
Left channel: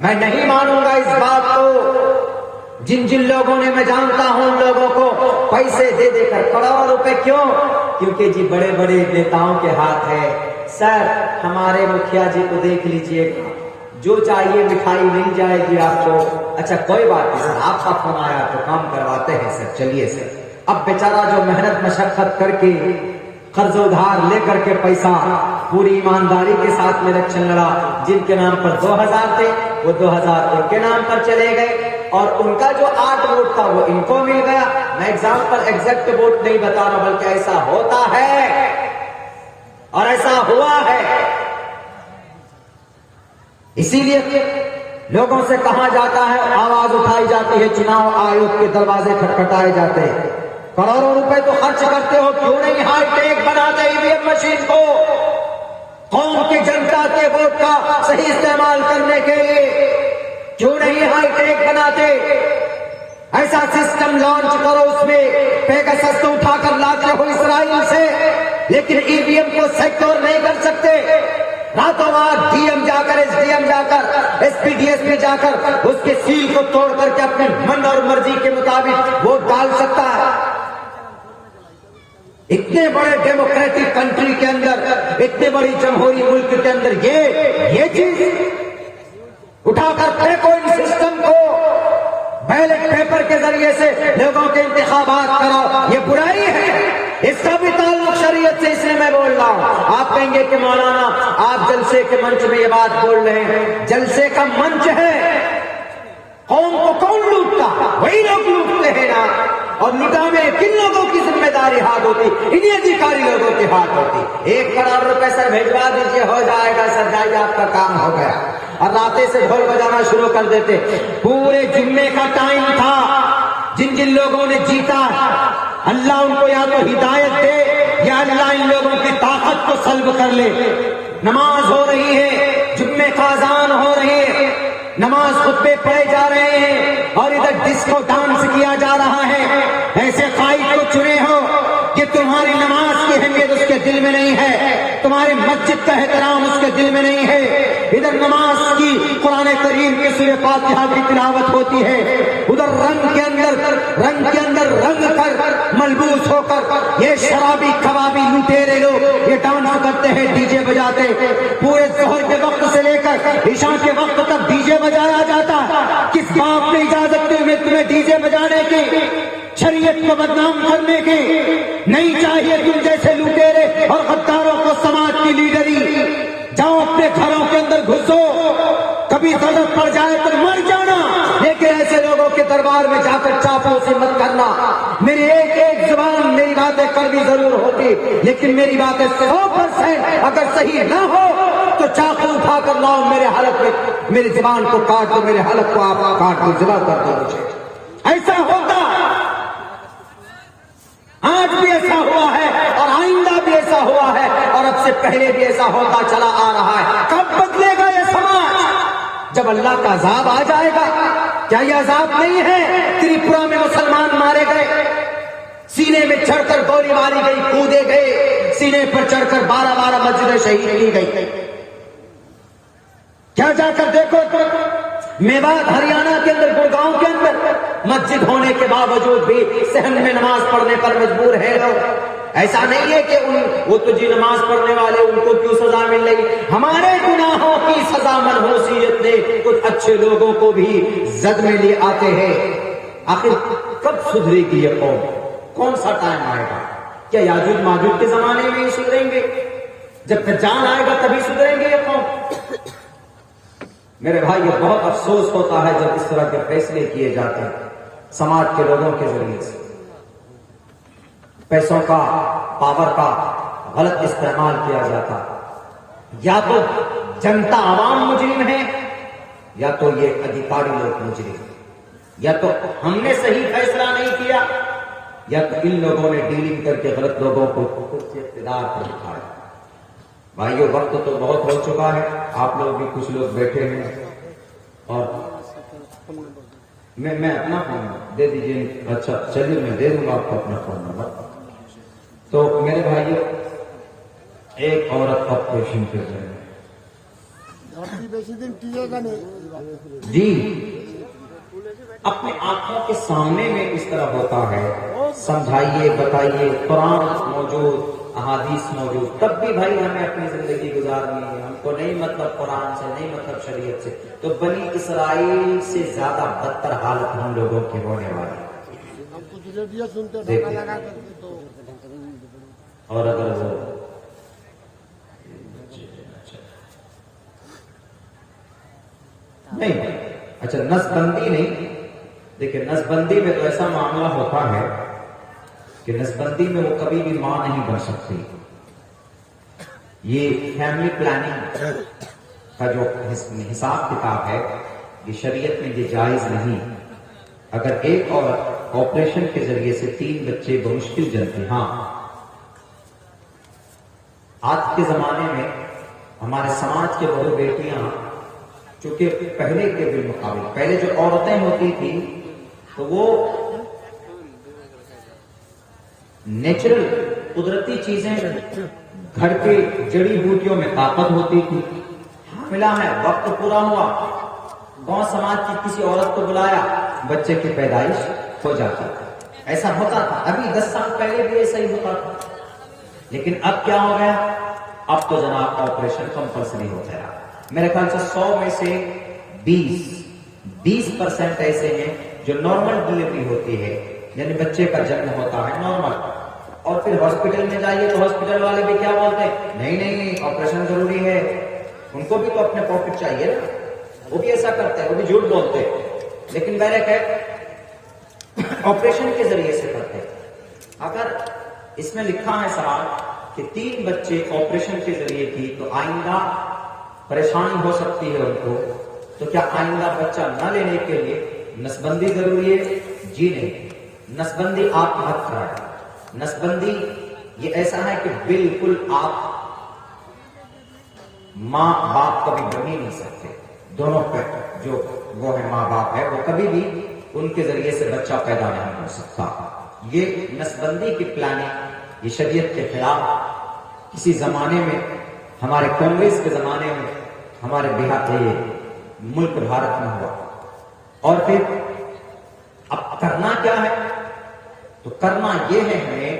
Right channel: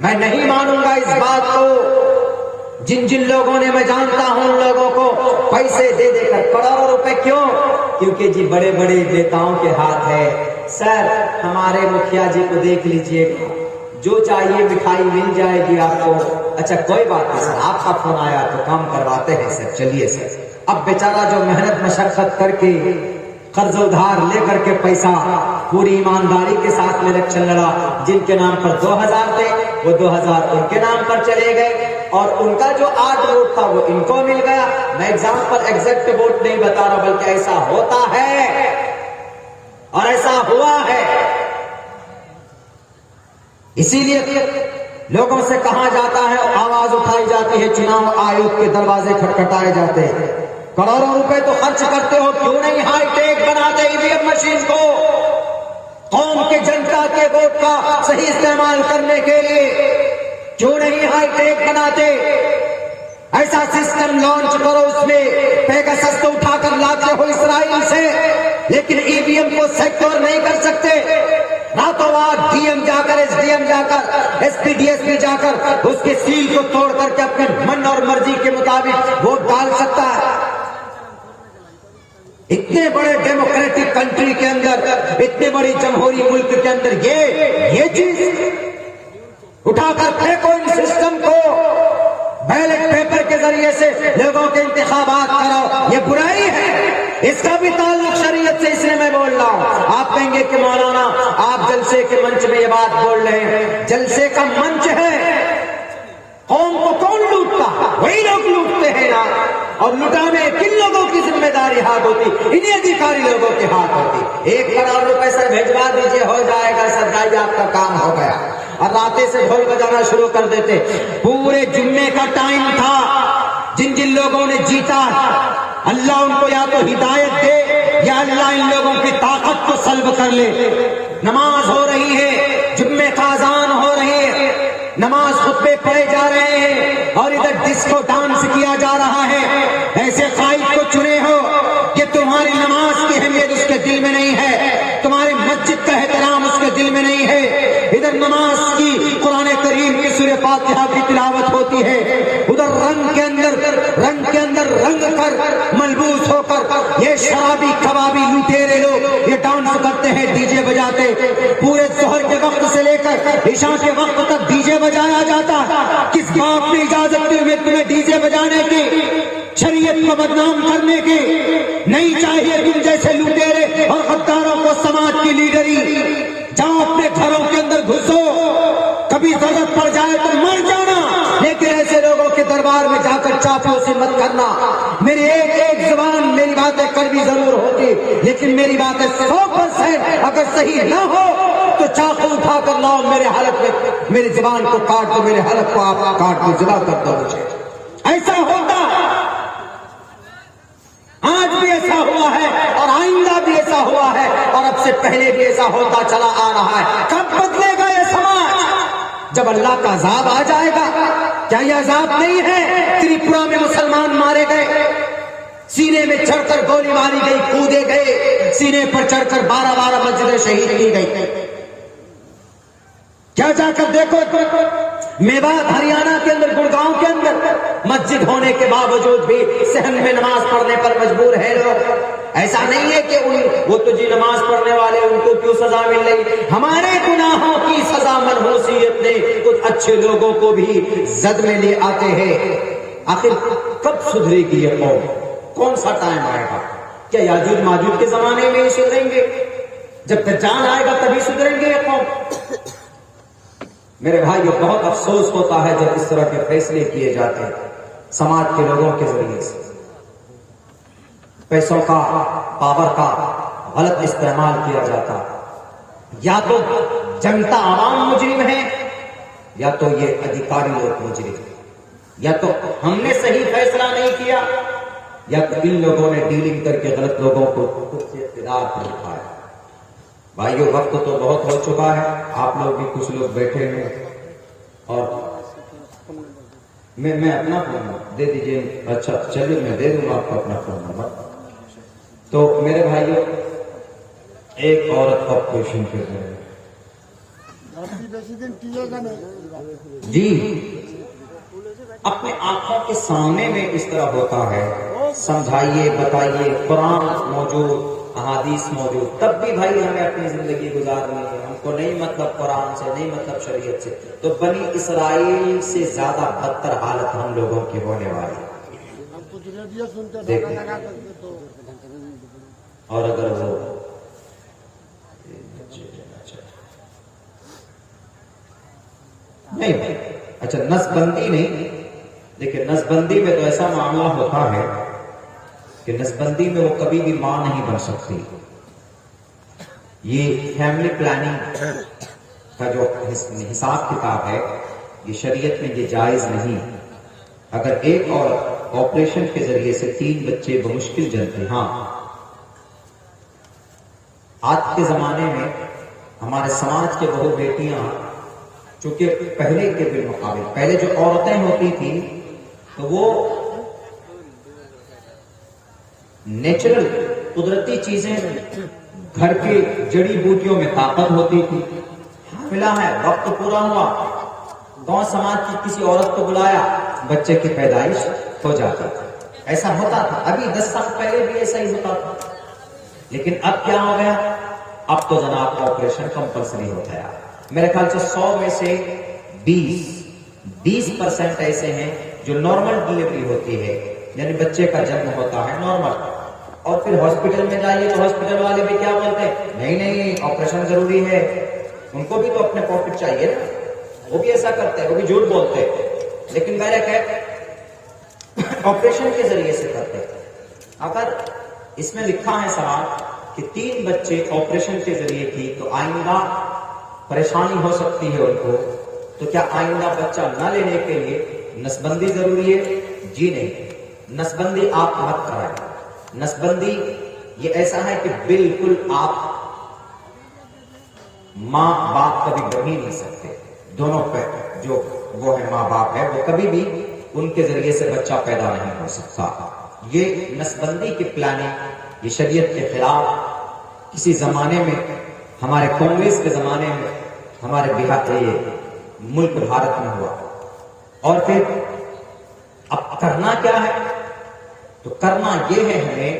میں نہیں مانوں گا اس بات کو جن لوگوں نے میں جانتا ہوں ان لوگوں کو پیسے دے دے کر کروڑوں روپے کیوں کیونکہ جی بڑے بڑے نیتاؤں کے ہاتھ ہے سر ہمارے مکھیا جی کو دیکھ لیجئے جو چاہیے مٹھائی مل جائے گی آپ کو اچھا کوئی بات نہیں سر آپ کا فون آیا تو کام کرواتے ہیں سر چلیے سر اب بیچارہ جو محنت مشقت کر کے قرض ادھار لے کر کے پیسہ پوری ایمانداری کے ساتھ الیکشن لڑا جن کے نام پر 2000 تھے وہ 2000 ان کے نام پر چلے گئے اور ان کا جو 8 ووٹ تھا وہ ان کو مل گیا میں ایگزامپل ایگزیکٹ ووٹ نہیں بتا رہا بلکہ ایسا ہوتا ہے اور ایسا ہوا ہے اسی لیے لوگوں سے کہا جاتا ہے آواز اٹھائی جاتی ہے چناؤ آیوگ کے دروازے کھٹکھٹائے جاتے ہیں کروڑوں روپے تو خرچ کرتے ہو کیوں نہیں ہائی ٹیک بناتے ای وی ایم مشین کو قوم کی جنتا کے ووٹ کا صحیح استعمال کرنے کے لیے کیوں نہیں ہائی ٹیک بناتے ایسا سسٹم لانچ کرو اس میں پیگاسس تو اٹھا کر لاتے ہو اسرائیل سے لیکن ای وی ایم کو سیکٹور نہیں کر سکتے راتوں رات ڈی ایم جا کر ایس ڈی ایم جا کر S P D S P جا کر اس کے سیل کو توڑ کر کے اپنے من اور مرضی کے مطابق ووٹ ڈال سکتا ہے اتنے بڑے ڈیموکریٹک کنٹری کے اندر اتنے بڑی جمہوری ملک کے اندر یہ چیز اٹھا کر پھینکو ان سسٹم کو بیلٹ پیپر کے ذریعے سے لوگوں کے انتخابات کراؤ یہ برائی ہے اس کا بھی تعلق شریعت سے اس لیے میں بول رہا ہوں آپ کہیں گے کہ مولانا آپ جلسے کے منچ میں یہ بات بول رہے ہیں جلسے کا منچ ہے قوم کو کون لوٹتا وہی لوگ لوٹتے ہیں نا اور لٹانے کن لوگوں کی ذمہ داری ہاتھ ہوتی انہیں ادھیکاری لوگوں کے ہاتھ ہوتی 1 کروڑ روپے سر بھیجوا دیجیے ہو جائے گا سر جائیے آپ کا کام ہو گیا اور آتے سے ڈھول بجانا شروع کر دیتے پورے جمعے کا ٹائم تھا جن لوگوں نے جیتا اللہ ان کو یا تو ہدایت دے یا اللہ ان لوگوں کی طاقت کو سلب کر لے نماز ہو رہی ہے جمعے کا اذان ہو رہی ہے نماز خطبے پڑھے جا رہے ہیں اور ادھر ڈسکو ڈانس کیا جا رہا ہے ایسے قائد کو چنے ہو کہ تمہاری نماز کی اہمیت اس کے دل میں نہیں ہے تمہاری مسجد کا احترام اس کے دل میں نہیں ہے ادھر نماز کی قرآن کریم کی سورہ فاتحہ کی تلاوت ہوتی ہے ادھر رنگ کے اندر رنگ کر ملبوس ہو کر یہ شرابی کبابی لٹیرے لوگ یہ ڈانس کرتے ہیں ڈی جے بجاتے پورے ظہر کے وقت سے لے کر 100% اگر صحیح نہ ہو تو چاقو اٹھا کر لاؤ میرے حلق میں، میری زبان کو کاٹ دو، میرے حلق کو آپ کاٹ دو، جدا کر دو مجھے. ایسا ہوتا آج بھی ایسا ہوا ہے اور آئندہ بھی ایسا ہوا ہے اور اب سے پہلے بھی ایسا ہوتا چلا آ رہا ہے. کب بدلے گا یہ سماج؟ جب اللہ کا عذاب آ جائے گا. کیا یہ عذاب نہیں ہے؟ تریپورا میں مسلمان مارے گئے، سینے میں چڑھ کر گولی ماری گئی، کودے گئے، سینے پر چڑھ کر 12 مسجدیں شہید کی گئی. کیا جا کر دیکھو میوات ہریانہ کے اندر، گڑگاؤں کے اندر مسجد ہونے کے باوجود بھی صحن میں نماز پڑھنے پر مجبور ہے لوگ. ایسا نہیں ہے کہ وہ تو جی نماز پڑھنے والے ان کو کیوں سزا مل رہی؟ ہمارے گناہوں کی سزا منحوسیت نے کچھ اچھے لوگوں کو بھی زد میں لے آتے ہیں. آخر کب سدھرے گی یہ قوم؟ کون سا ٹائم آئے گا؟ کیا یاجوج ماجوج کے زمانے میں ہی سدھریں گے؟ جب دجال آئے گا تبھی سدھریں گے یہ قوم؟ میرے بھائی یہ بہت افسوس ہوتا ہے جب اس طرح کے فیصلے کیے جاتے ہیں سماج کے لوگوں کے ذریعے سے. پیسوں کا، پاور کا غلط استعمال کیا جاتا. یا تو جنتا عوام مجرم ہے، یا تو یہ ادھیکاری لوگ مجرم ہیں، یا تو ہم نے صحیح فیصلہ نہیں کیا، یا تو ان لوگوں نے ڈیلنگ کر کے غلط لوگوں کو خود سے اقتدار پر اٹھایا. بھائیو وقت تو بہت ہو چکا ہے، آپ لوگ بھی کچھ لوگ بیٹھے ہیں اور میں اپنا فون دے دیجیے. اچھا چلیے میں دے دوں گا آپ کو اپنا فون نمبر. تو میرے بھائیو ایک عورت کا پیشن کر رہے ہیں جی، اپنے آنکھوں کے سامنے میں اس طرح ہوتا ہے. سمجھائیے، بتائیے، قرآن موجود، احادیث موجود، تب بھی بھائی ہمیں اپنی زندگی گزارنی ہے. ہم کو نہیں مطلب قرآن سے، نہیں مطلب شریعت سے. تو بنی اسرائیل سے زیادہ بدتر حالت ہم لوگوں کی ہونے والی ہے. دیکھیں اور اگر وہ نہیں، اچھا نسبندی نہیں، دیکھیں نسبندی میں تو ایسا معاملہ ہوتا ہے کہ نسبندی میں وہ کبھی بھی ماں نہیں بن سکتی. یہ فیملی پلاننگ کا جو حساب کتاب ہے یہ شریعت میں یہ جائز نہیں. اگر ایک عورت آپریشن کے ذریعے سے 3 بچے بمشکل جنتے، ہاں آج کے زمانے میں ہمارے سماج کے بہو بیٹیاں چونکہ پہلے کے بالمقابل، پہلے جو عورتیں ہوتی تھی تو وہ نیچرل قدرتی چیزیں، گھر کی جڑی بوٹیوں میں طاقت ہوتی تھی. حاملہ ہے، وقت پورا ہوا، گاؤں سماج کی کسی عورت کو بلایا، بچے کی پیدائش ہو جاتی. ایسا ہوتا تھا. ابھی 10 سال پہلے بھی ایسا ہی ہوتا تھا. لیکن اب کیا ہو گیا؟ اب تو جناب آپریشن کمپلسری ہوتا ہے. میرے خیال سے 100 میں سے 20% ایسے ہیں جو نارمل ڈلیوری ہوتی ہے، یعنی بچے کا جنم ہوتا ہے نارمل. اور پھر ہاسپٹل میں جائیے تو ہاسپٹل والے بھی کیا بولتے ہیں؟ نہیں آپریشن ضروری ہے. ان کو بھی تو اپنے پروفٹ چاہیے نا، وہ بھی ایسا کرتے ہیں، وہ بھی جھوٹ بولتے ہیں. لیکن ڈائریکٹ ہے آپریشن کے ذریعے سے کرتے ہیں. اگر اس میں لکھا ہے صاحب کہ 3 بچے آپریشن کے ذریعے کی تو آئندہ پریشانی ہو سکتی ہے ان کو، تو کیا آئندہ بچہ نہ لینے کے لیے نسبندی ضروری ہے؟ جی نہیں، نسبندی آپ مت کرائیں. نسبندی یہ ایسا ہے کہ بالکل آپ ماں باپ کبھی بن ہی نہیں سکتے. دونوں پہ جو وہ ہے ماں باپ ہے وہ کبھی بھی ان کے ذریعے سے بچہ پیدا نہیں ہو سکتا. یہ نسبندی کی پلاننگ یہ شریعت کے خلاف کسی زمانے میں، ہمارے کانگریس کے زمانے میں ہمارے بہار ملک بھارت میں ہوا. اور پھر اب کرنا کیا ہے؟ تو کرنا یہ ہے ہمیں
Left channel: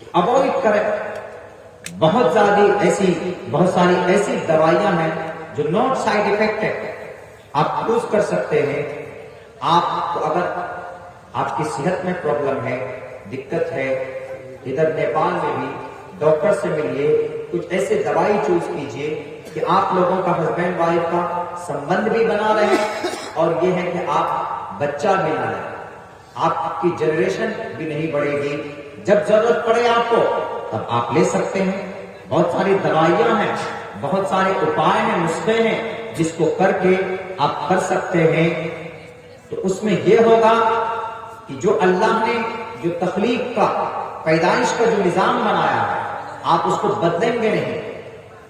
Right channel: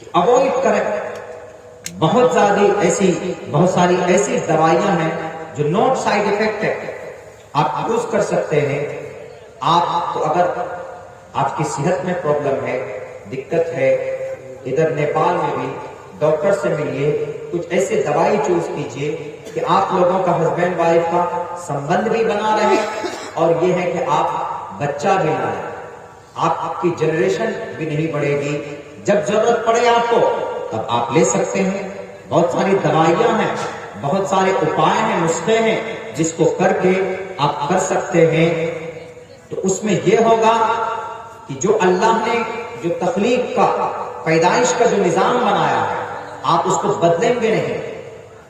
کہ اوائڈ کریں. بہت ساری ایسی دوائیاں ہیں جو ناٹ سائیڈ افیکٹ ہے، آپ یوز کر سکتے ہیں. آپ کو اگر آپ کی صحت میں پرابلم ہے، دقت ہے، ادھر نیپال میں بھی ڈاکٹر سے ملیے، کچھ ایسے دوائی چوز کیجئے کہ آپ لوگوں کا ہسبینڈ وائف کا سمبند بھی بنا رہے، اور یہ ہے کہ آپ بچہ بھی نہ لیں، آپ کی جنریشن بھی نہیں بڑھے گی. جب ضرورت پڑے آپ کو تب آپ لے سکتے ہیں. بہت ساری دوائیاں ہیں، بہت سارے اپائے ہیں، نسخے ہیں جس کو کر کے آپ کر سکتے ہیں. تو اس میں یہ ہوگا کہ جو اللہ نے جو تخلیق کا پیدائش کا جو نظام بنایا ہے آپ اس کو بدلیں گے نہیں،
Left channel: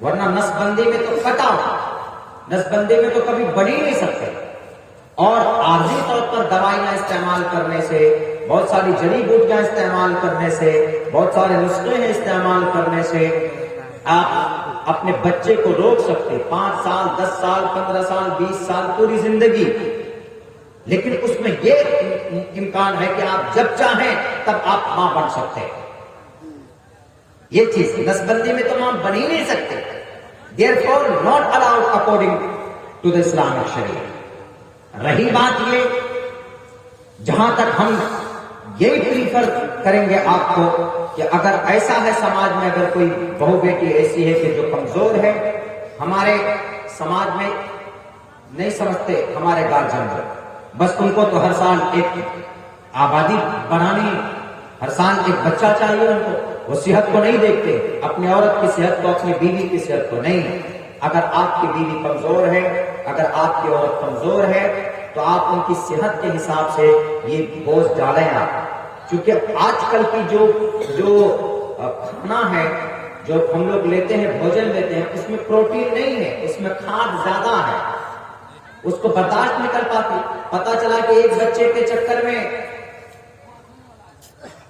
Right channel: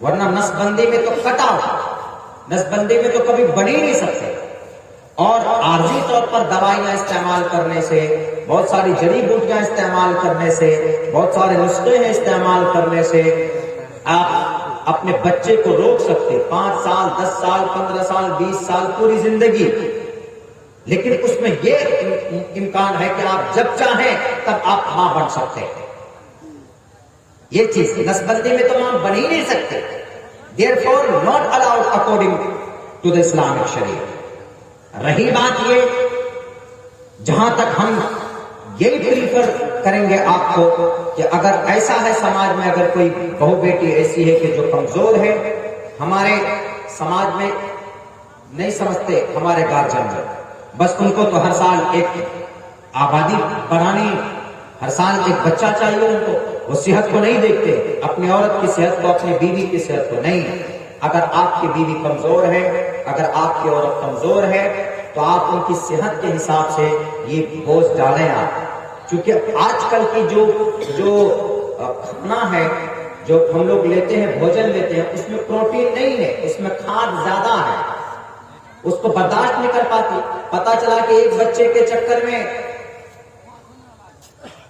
ورنہ نس بندی میں تو کٹا ہو، نس بندی میں تو کبھی بن ہی نہیں سکتے. اور عارضی طور پر دوائیاں استعمال کرنے سے، بہت ساری جڑی بوٹیاں استعمال کرنے سے، بہت سارے نسخے ہیں استعمال کرنے سے آپ اپنے بچے کو روک سکتے 5 سال 10 سال 15 سال 20 سال پوری زندگی. لیکن اس میں یہ امکان ہے کہ آپ جب چاہیں تب آپ ماں بن سکتے ہیں. یہ چیز نسبندی میں تو ماں بن ہی نہیں سکتے. Therefore not allowed according to the Islamic Sharia. رہی بات یہ، جہاں تک ہم یہی پریفر کریں گے آپ کو کہ اگر ایسا ہے سماج میں، اگر کوئی بہو بیٹی ایسی ہے کہ جو کمزور ہے، ہمارے سماج میں نہیں سمجھتے ہمارے گارجن بس ان کو تو ہر سال ایک آبادی بڑھانی، ہر سال ایک بچہ چاہیے ان کو، وہ صحت کو نہیں دیکھتے، اپنی عورت کی صحت کو، اپنی بیوی کی صحت کو نہیں. اگر آپ کی بیوی کمزور ہے، اگر آپ کی عورت کمزور ہے تو آپ ان کی صحت کے حساب سے یہ بوجھ ڈالیں آپ. کیونکہ آج کل کی جو کھانا ہے، جو ہم لوگ لیتے ہیں، بھوجن لیتے ہیں، اس میں پروٹین نہیں ہے، اس میں کھاد زیادہ ہے، اس کو برداشت نہیں کر پاتی. پتا چلا کہ ایک بچے کے چکر میں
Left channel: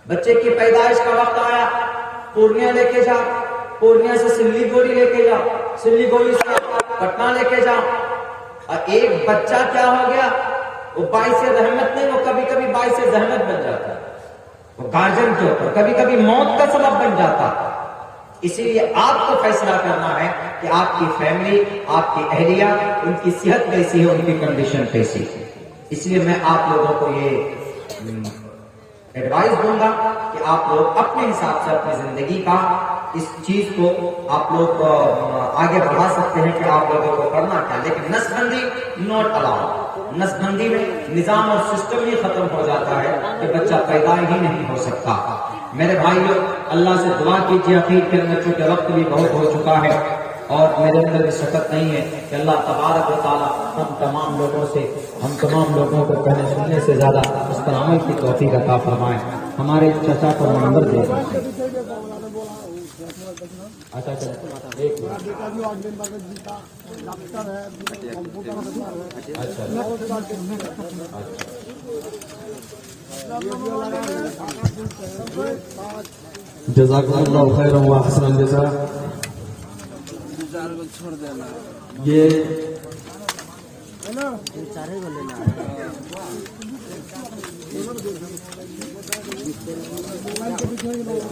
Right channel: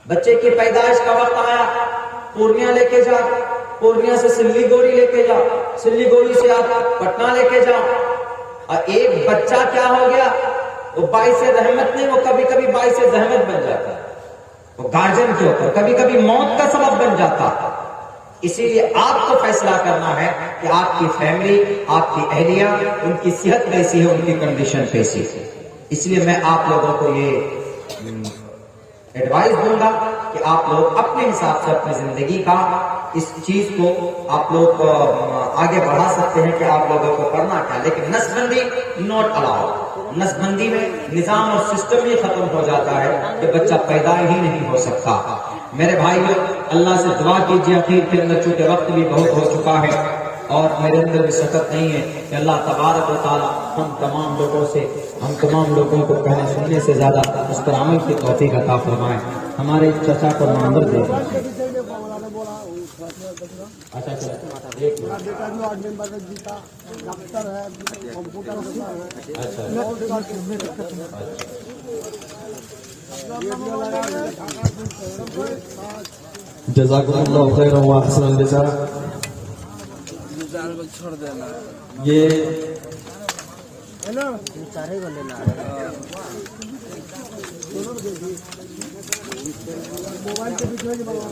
بچے کی پیدائش کا وقت آیا، پورنیہ لے کے جا، پورنیہ سے سلی گوڑی لے کے جا، سلی گوڑی سے آپ پٹنہ لے کے جا، اور ایک بچہ کیا ہو گیا، وہ باعث رحمت نہیں، وہ کبھی کبھی باعث زحمت بن جاتا ہے، وہ گارجن کے اوپر کبھی کبھی موت کا سبب بن جاتا. اسی لیے آپ کو فیصلہ کرنا ہے کہ آپ کی فیملی، آپ کی اہلیہ، ان کی صحت کیسی ہے، ان کی کنڈیشن کیسی ہے. اس لیے میں آپ لوگوں کو یہ ایڈوائز دوں گا کہ آپ لوگ اپنے حساب سے اپنی زندگی کا اس چیز کو آپ لوگ آگے بڑھا سکتے ہیں کہ آپ لوگوں کو کرنا کیا. لیکن نسبندی ناٹ الاؤڈ. نسبندی میں نظام اور سسٹم ہی ختم ہو جاتا ہے کہ بچہ پیدا ہی نہیں ہو سکتا. میرے بھائیو، اللہ سے دعا کیجیے. اخیر کے اندر چونکہ وقت بھی بہت ہو چکا ہے اور میرے اندر بھی شکت نہیں ہے کہ اللہ تبارک و تعالیٰ ہم تمام لوگوں کو کہنے سننے سے زیادہ اس پر عمل کی توفیق عطا فرمائے. ہمارے چچا کا نمبر دے دیں. جزاک اللہ خیر و احسن الجزاء. یہ موبائل کے پیچھے نہیں بولا